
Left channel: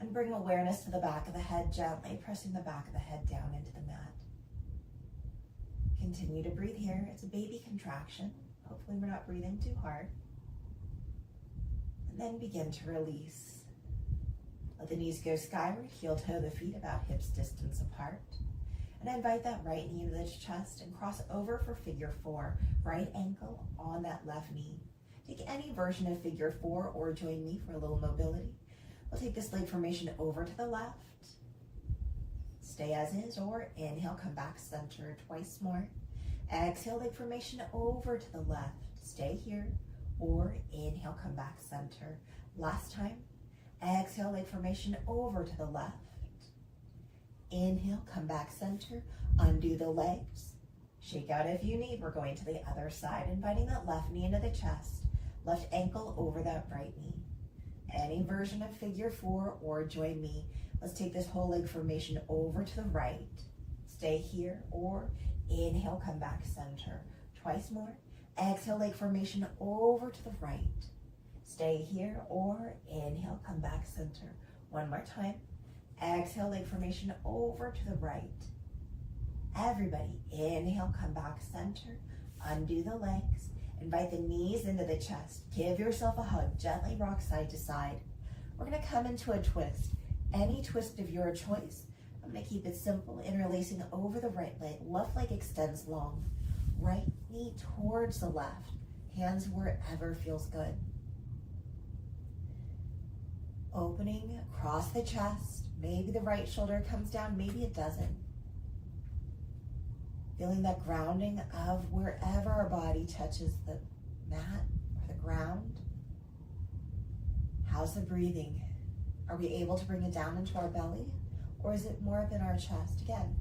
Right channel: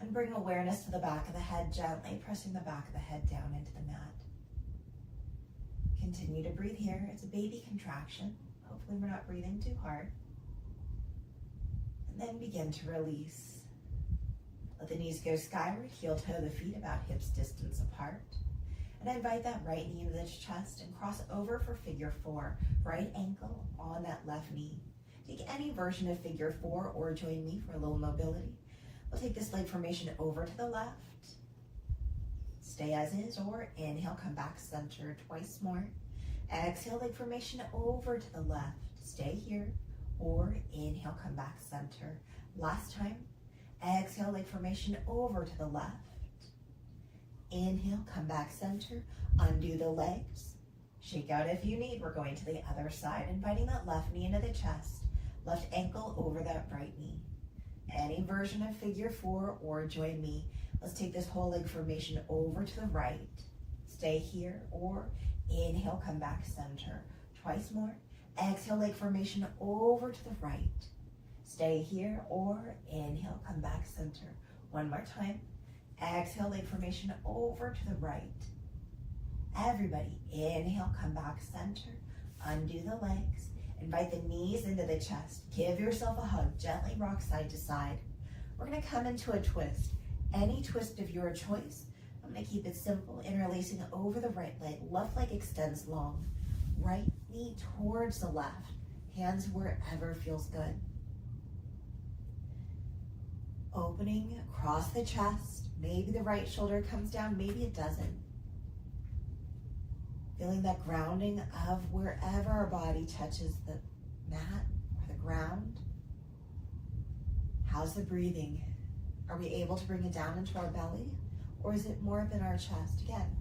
and bring awareness to the back of the head, gently pressing the back of the head down into the mat. Continue to breathe here. It's a baby contraction. Hopefully we're not breathing too hard. And then begin to release. Let the knees go skyward, heel toe the feet about hips distance apart. And I invite that right knee into the chest and cross over for figure four. Right ankle on that left knee. Take any version of figure four or join me for a little mobility. We'll take this leg formation over to the left. Stay as is, or inhale, come back center twice more. Exhale, leg formation over to the left. Stay here, or inhale, come back center. Last time. Exhale, leg formation over to the left. Inhale, come back center. Undo the legs. Shake out if you need. We're going to the other side, inviting that left knee into the chest. Left ankle over that right knee. Any version of figure 4 or join me. Let's take this whole leg formation over to the right. Stay here, or inhale, come back center. Twice more. Exhale, leg formation over to the right. Stay here, or inhale, come back center. One more time. Exhale, leg formation over to the right. Everybody, inhale, come back center. Undo the legs. Invite the knees into the chest. Give yourself a hug. Gently rock side to side. We're going to come into a twist. Any twist of your choice. I'm going to keep it simple. Interlacing over the right leg. Left leg extends long. Right knee towards the left. Hands wherever feels good. Opening across the chest. Maybe the right shoulder comes down. Maybe it doesn't. Feeling that grounding of wherever our body touches the mat or the ground. How's the breathing? Are we able to bring it down into our belly? Or is it more up in our chest? Again,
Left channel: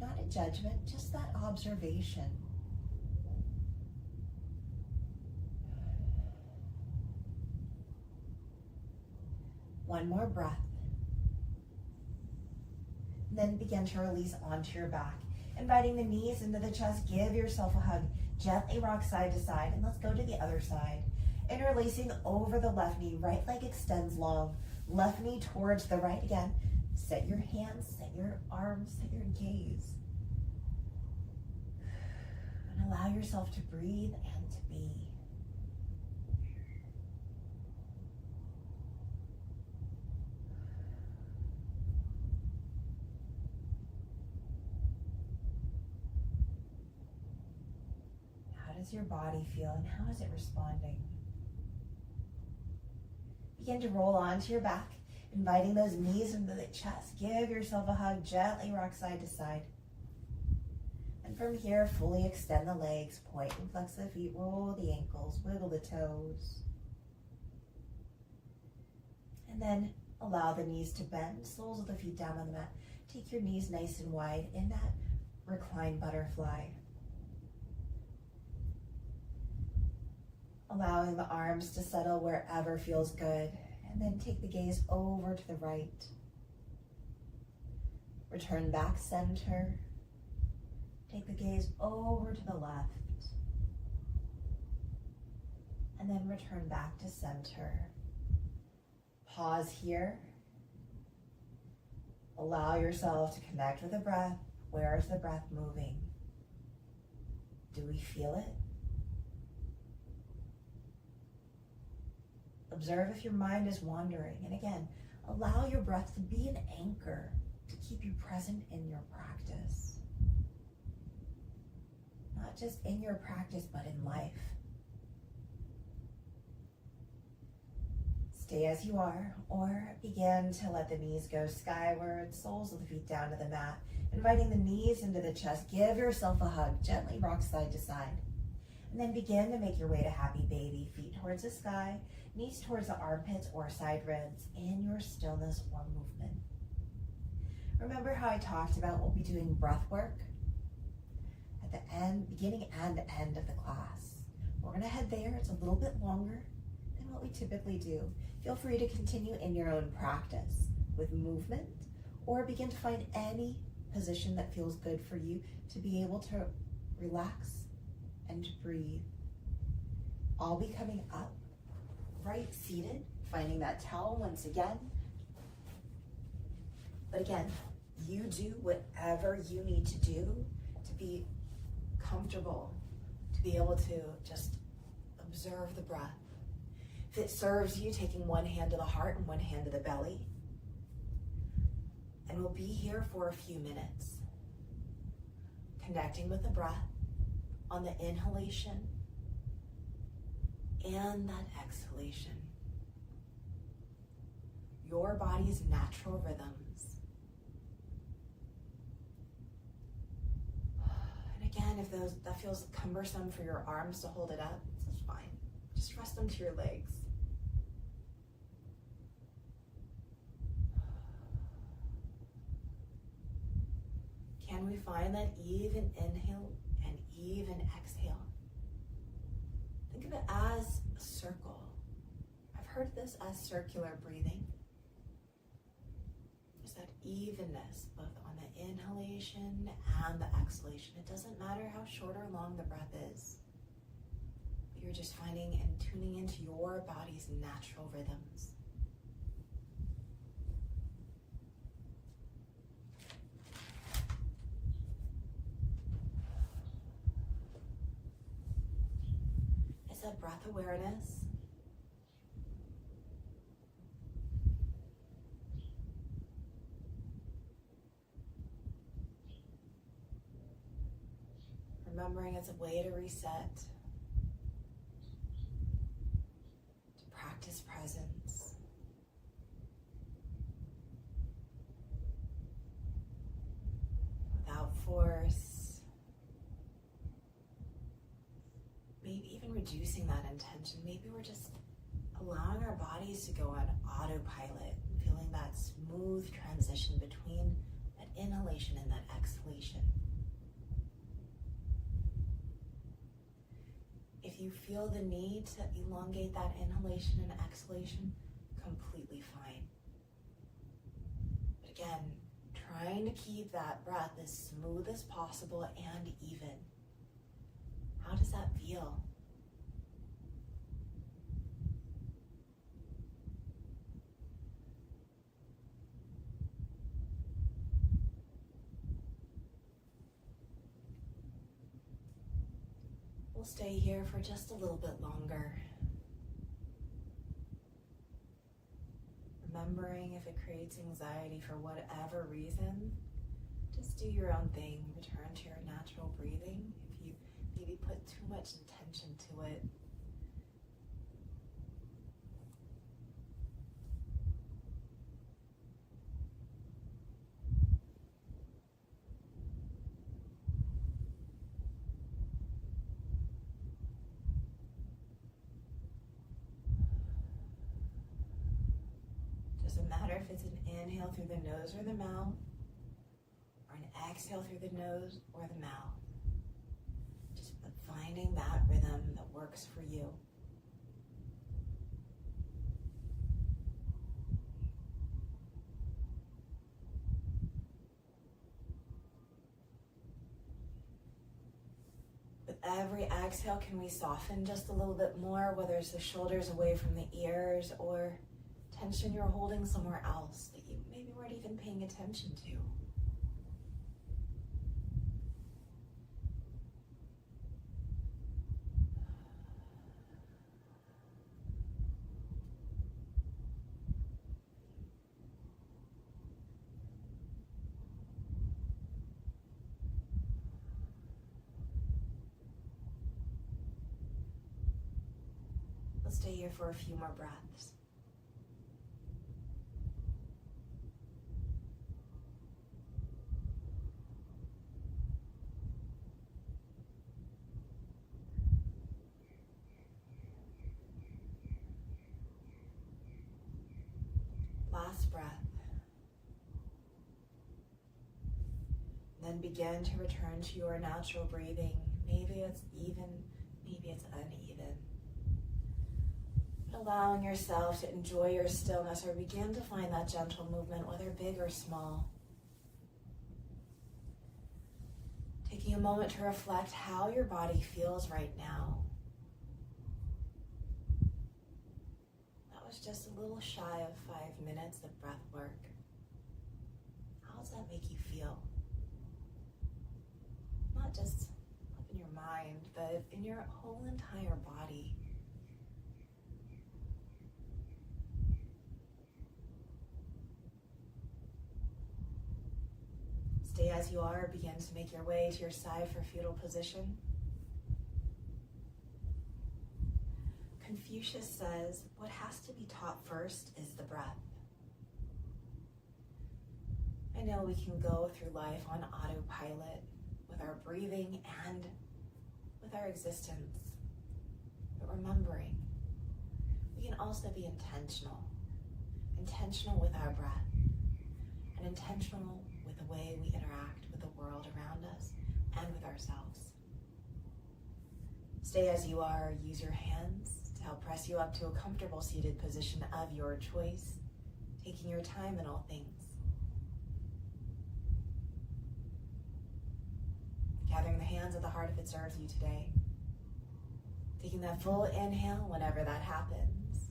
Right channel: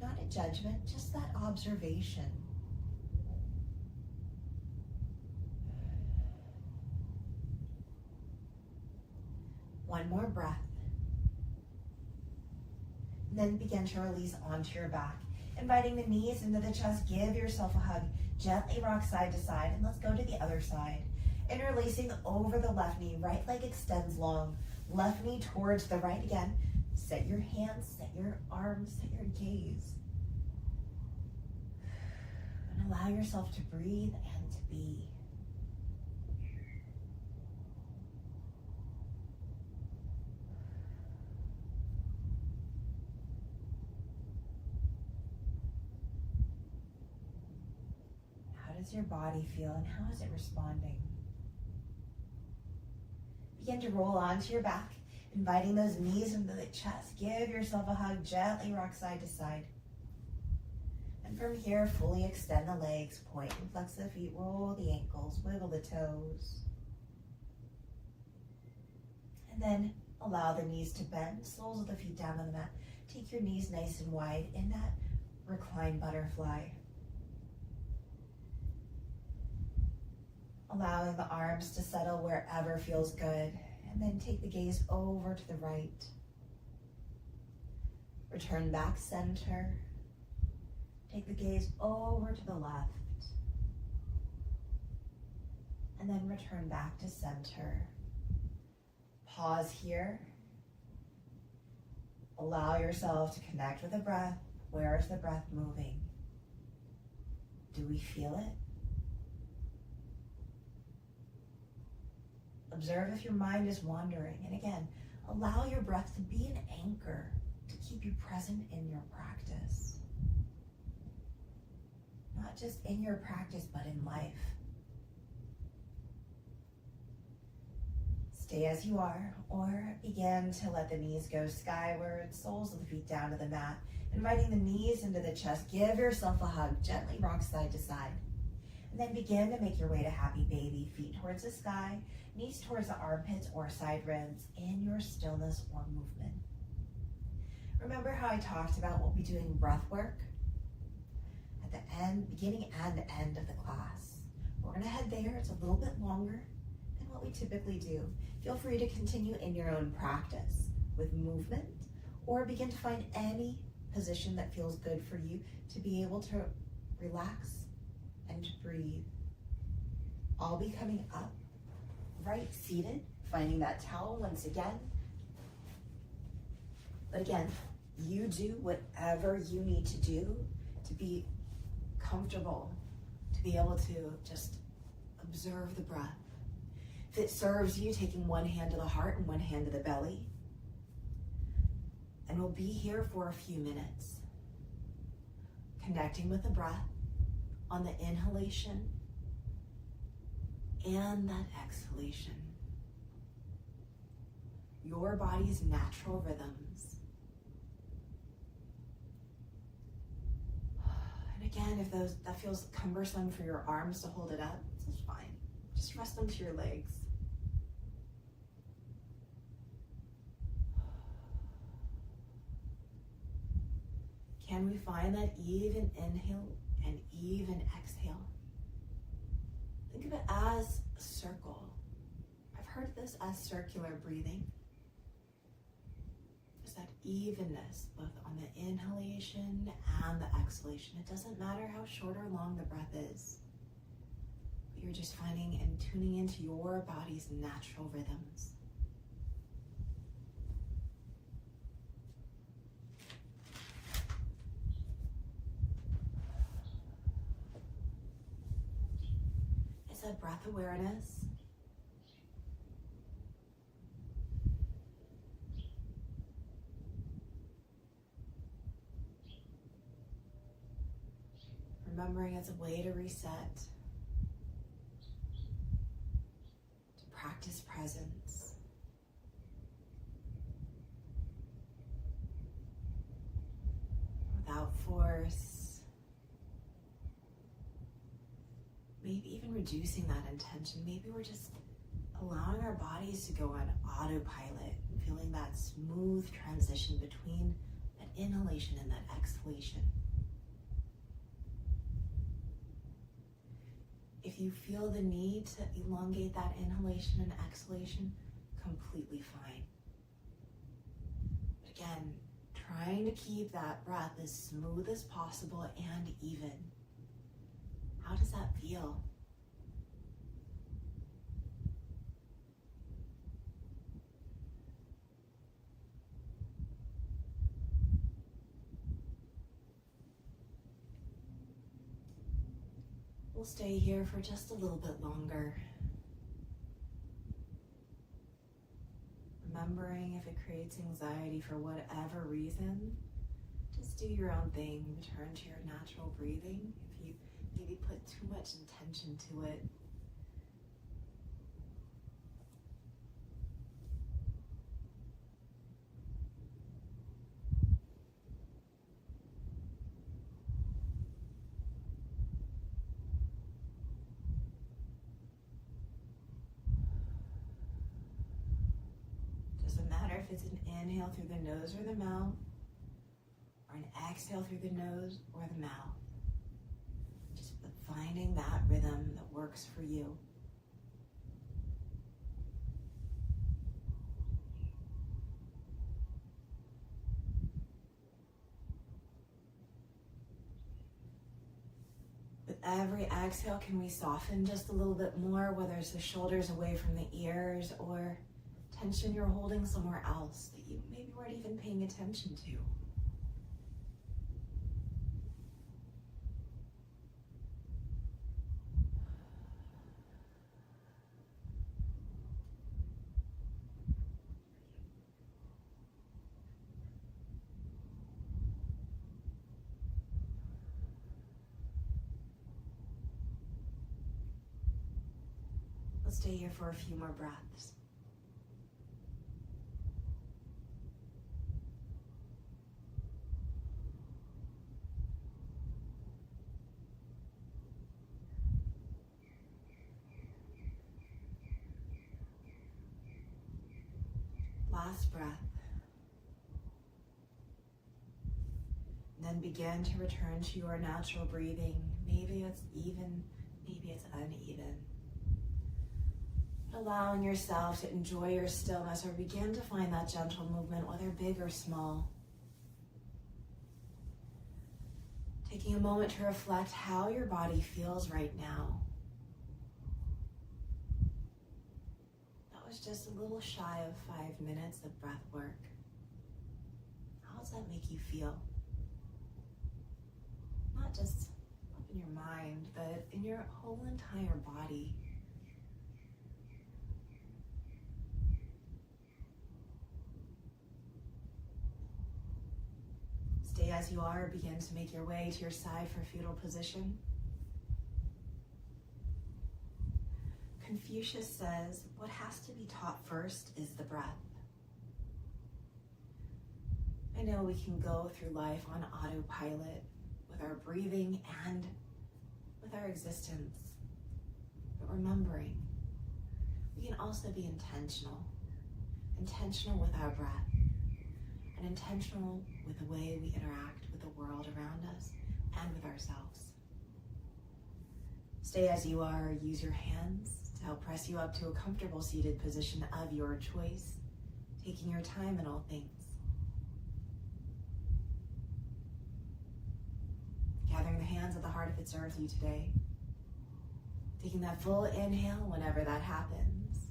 not a judgment, just that observation. One more breath. And then begin to release onto your back. Inviting the knees into the chest, give yourself a hug. Gently rock side to side, and let's go to the other side. Interlacing over the left knee, right leg extends long. Left knee towards the right again. Set your hands, set your arms, set your gaze. And allow yourself to breathe and to be. How does your body feel and how is it responding? Begin to roll onto your back, inviting those knees into the chest. Give yourself a hug, gently rock side to side. And from here, fully extend the legs, point and flex the feet, roll the ankles, wiggle the toes. And then allow the knees to bend, soles of the feet down on the mat. Take your knees nice and wide in that reclined butterfly. Allowing the arms to settle wherever feels good. And then take the gaze over to the right. Return back center. Take the gaze over to the left. And then return back to center. Pause here. Allow yourself to connect with the breath. Where is the breath moving? Do we feel it? Observe if your mind is wandering. And again, allow your breath to be an anchor to keep you present in your practice. Not just in your practice, but in life. Stay as you are, or begin to let the knees go skyward, soles of the feet down to the mat, inviting the knees into the chest. Give yourself a hug, gently rock side to side. And then begin to make your way to happy baby, feet towards the sky, knees towards the armpits or side ribs in your stillness or movement. Remember how I talked about we'll be doing breath work at the end, beginning and end of the class. We're gonna head there. It's a little bit longer than what we typically do. Feel free to continue in your own practice with movement, or begin to find any position that feels good for you to be able to relax and to breathe. I'll be coming up right seated, finding that towel once again. But again, you do whatever you need to do to be comfortable, to be able to just observe the breath. If it serves you, taking one hand to the heart and one hand to the belly. And we'll be here for a few minutes, connecting with the breath on the inhalation and that exhalation. Your body's natural rhythms. And again, if that feels cumbersome for your arms to hold it up, this is fine. Just rest them to your legs. Can we find that even inhale and even exhale? Think of it as a circle. I've heard this as circular breathing. There's that evenness both on the inhalation and the exhalation. It doesn't matter how short or long the breath is, but you're just finding and tuning into your body's natural rhythms. It's that breath awareness. Remembering it's a way to reset, to practice presence. Without force. Maybe even reducing that intention. Maybe we're just allowing our bodies to go on autopilot and feeling that smooth transition between that inhalation and that exhalation. If you feel the need to elongate that inhalation and exhalation, completely fine. But again, trying to keep that breath as smooth as possible and even. How does that feel? We'll stay here for just a little bit longer. Remembering if it creates anxiety for whatever reason, just do your own thing. Return to your natural breathing. If you maybe put too much intention to it, if it's an inhale through the nose or the mouth, or an exhale through the nose or the mouth. Just finding that rhythm that works for you. With every exhale, can we soften just a little bit more, whether it's the shoulders away from the ears or tension you're holding somewhere else that you maybe weren't even paying attention to. Let's stay here for a few more breaths. Last breath. And then begin to return to your natural breathing. Maybe it's even, maybe it's uneven. But allowing yourself to enjoy your stillness or begin to find that gentle movement, whether big or small. Taking a moment to reflect how your body feels right now. Was just a little shy of 5 minutes of breath work. How does that make you feel? Not just up in your mind, but in your whole entire body. Stay as you are. Begin to make your way to your side for fetal position. Confucius says, what has to be taught first is the breath. I know we can go through life on autopilot with with our breathing, and with our existence. But remembering, we can also be intentional with our breath, and intentional with the way we interact with the world around us and with ourselves. Stay as you are. Use your hands to help press you up to a comfortable seated position of your choice, taking your time in all things. Gathering the hands at the heart if it serves you today. Taking that full inhale whenever that happens,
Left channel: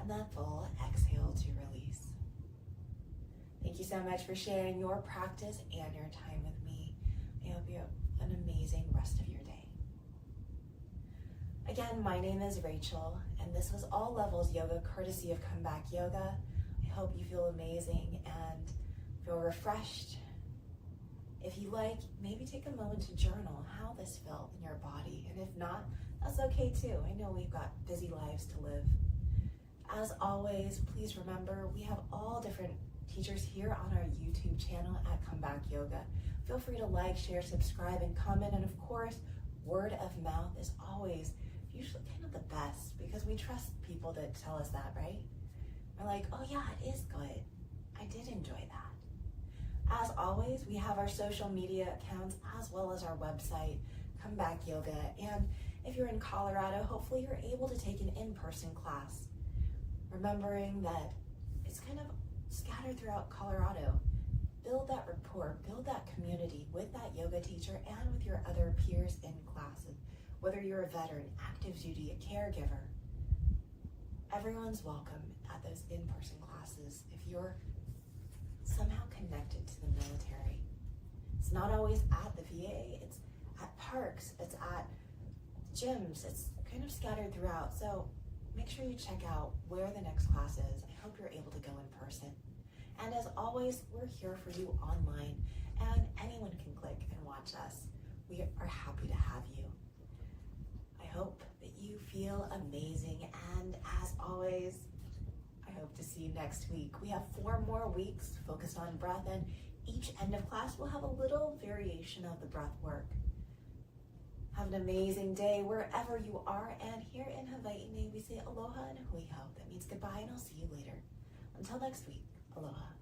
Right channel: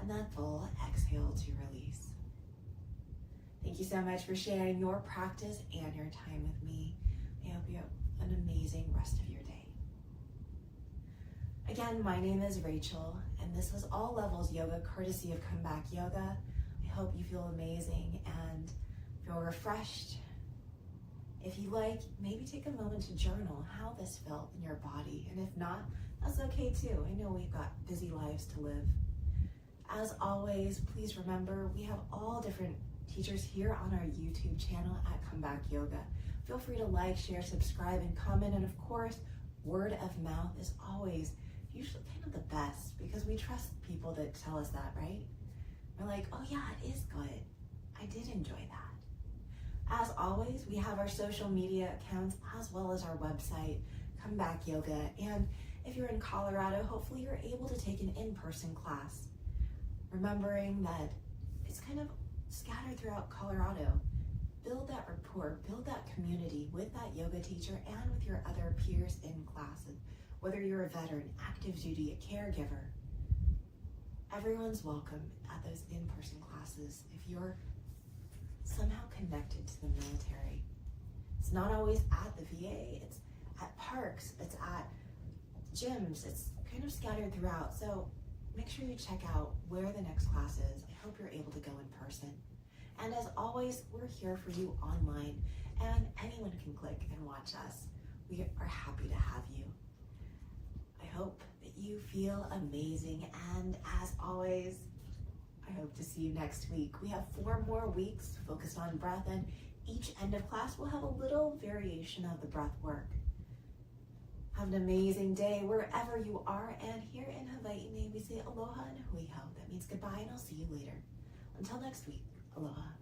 and that full exhale to release. Thank you so much for sharing your practice and your time with me. I hope you have an amazing rest of your day. Again, my name is Rachel, and this was All Levels Yoga, courtesy of Comeback Yoga. I hope you feel amazing and feel refreshed. If you like, maybe take a moment to journal how this felt in your body, and if not, that's okay too. I know we've got busy lives to live. As always, please remember, we have all different teachers here on our YouTube channel at Comeback Yoga. Feel free to like, share, subscribe, and comment, and of course, word of mouth is always usually kind of the best, because we trust people that tell us that, right? We're like, oh yeah, it is good. I did enjoy that. As always, we have our social media accounts as well as our website, Comeback Yoga. And if you're in Colorado, hopefully you're able to take an in-person class. Remembering that it's kind of scattered throughout Colorado. Build that rapport, build that community with that yoga teacher and with your other peers in classes. Whether you're a veteran, active duty, a caregiver, everyone's welcome at those in-person classes if you're somehow connected to the military. It's not always at the VA, it's at parks, it's at gyms, it's kind of scattered throughout. So make sure you check out where the next class is. I hope you're able to go in person. And as always, we're here for you online, and anyone can click and watch us. We are happy to have you. I hope that you feel amazing, and as always, I hope to see you next week. We have 4 more weeks focused on breath, and each end of class will have a little variation of the breath work. Have an amazing day wherever you are, and here in Hawaii, we say aloha and hui hou. That means goodbye, and I'll see you later. Until next week, aloha.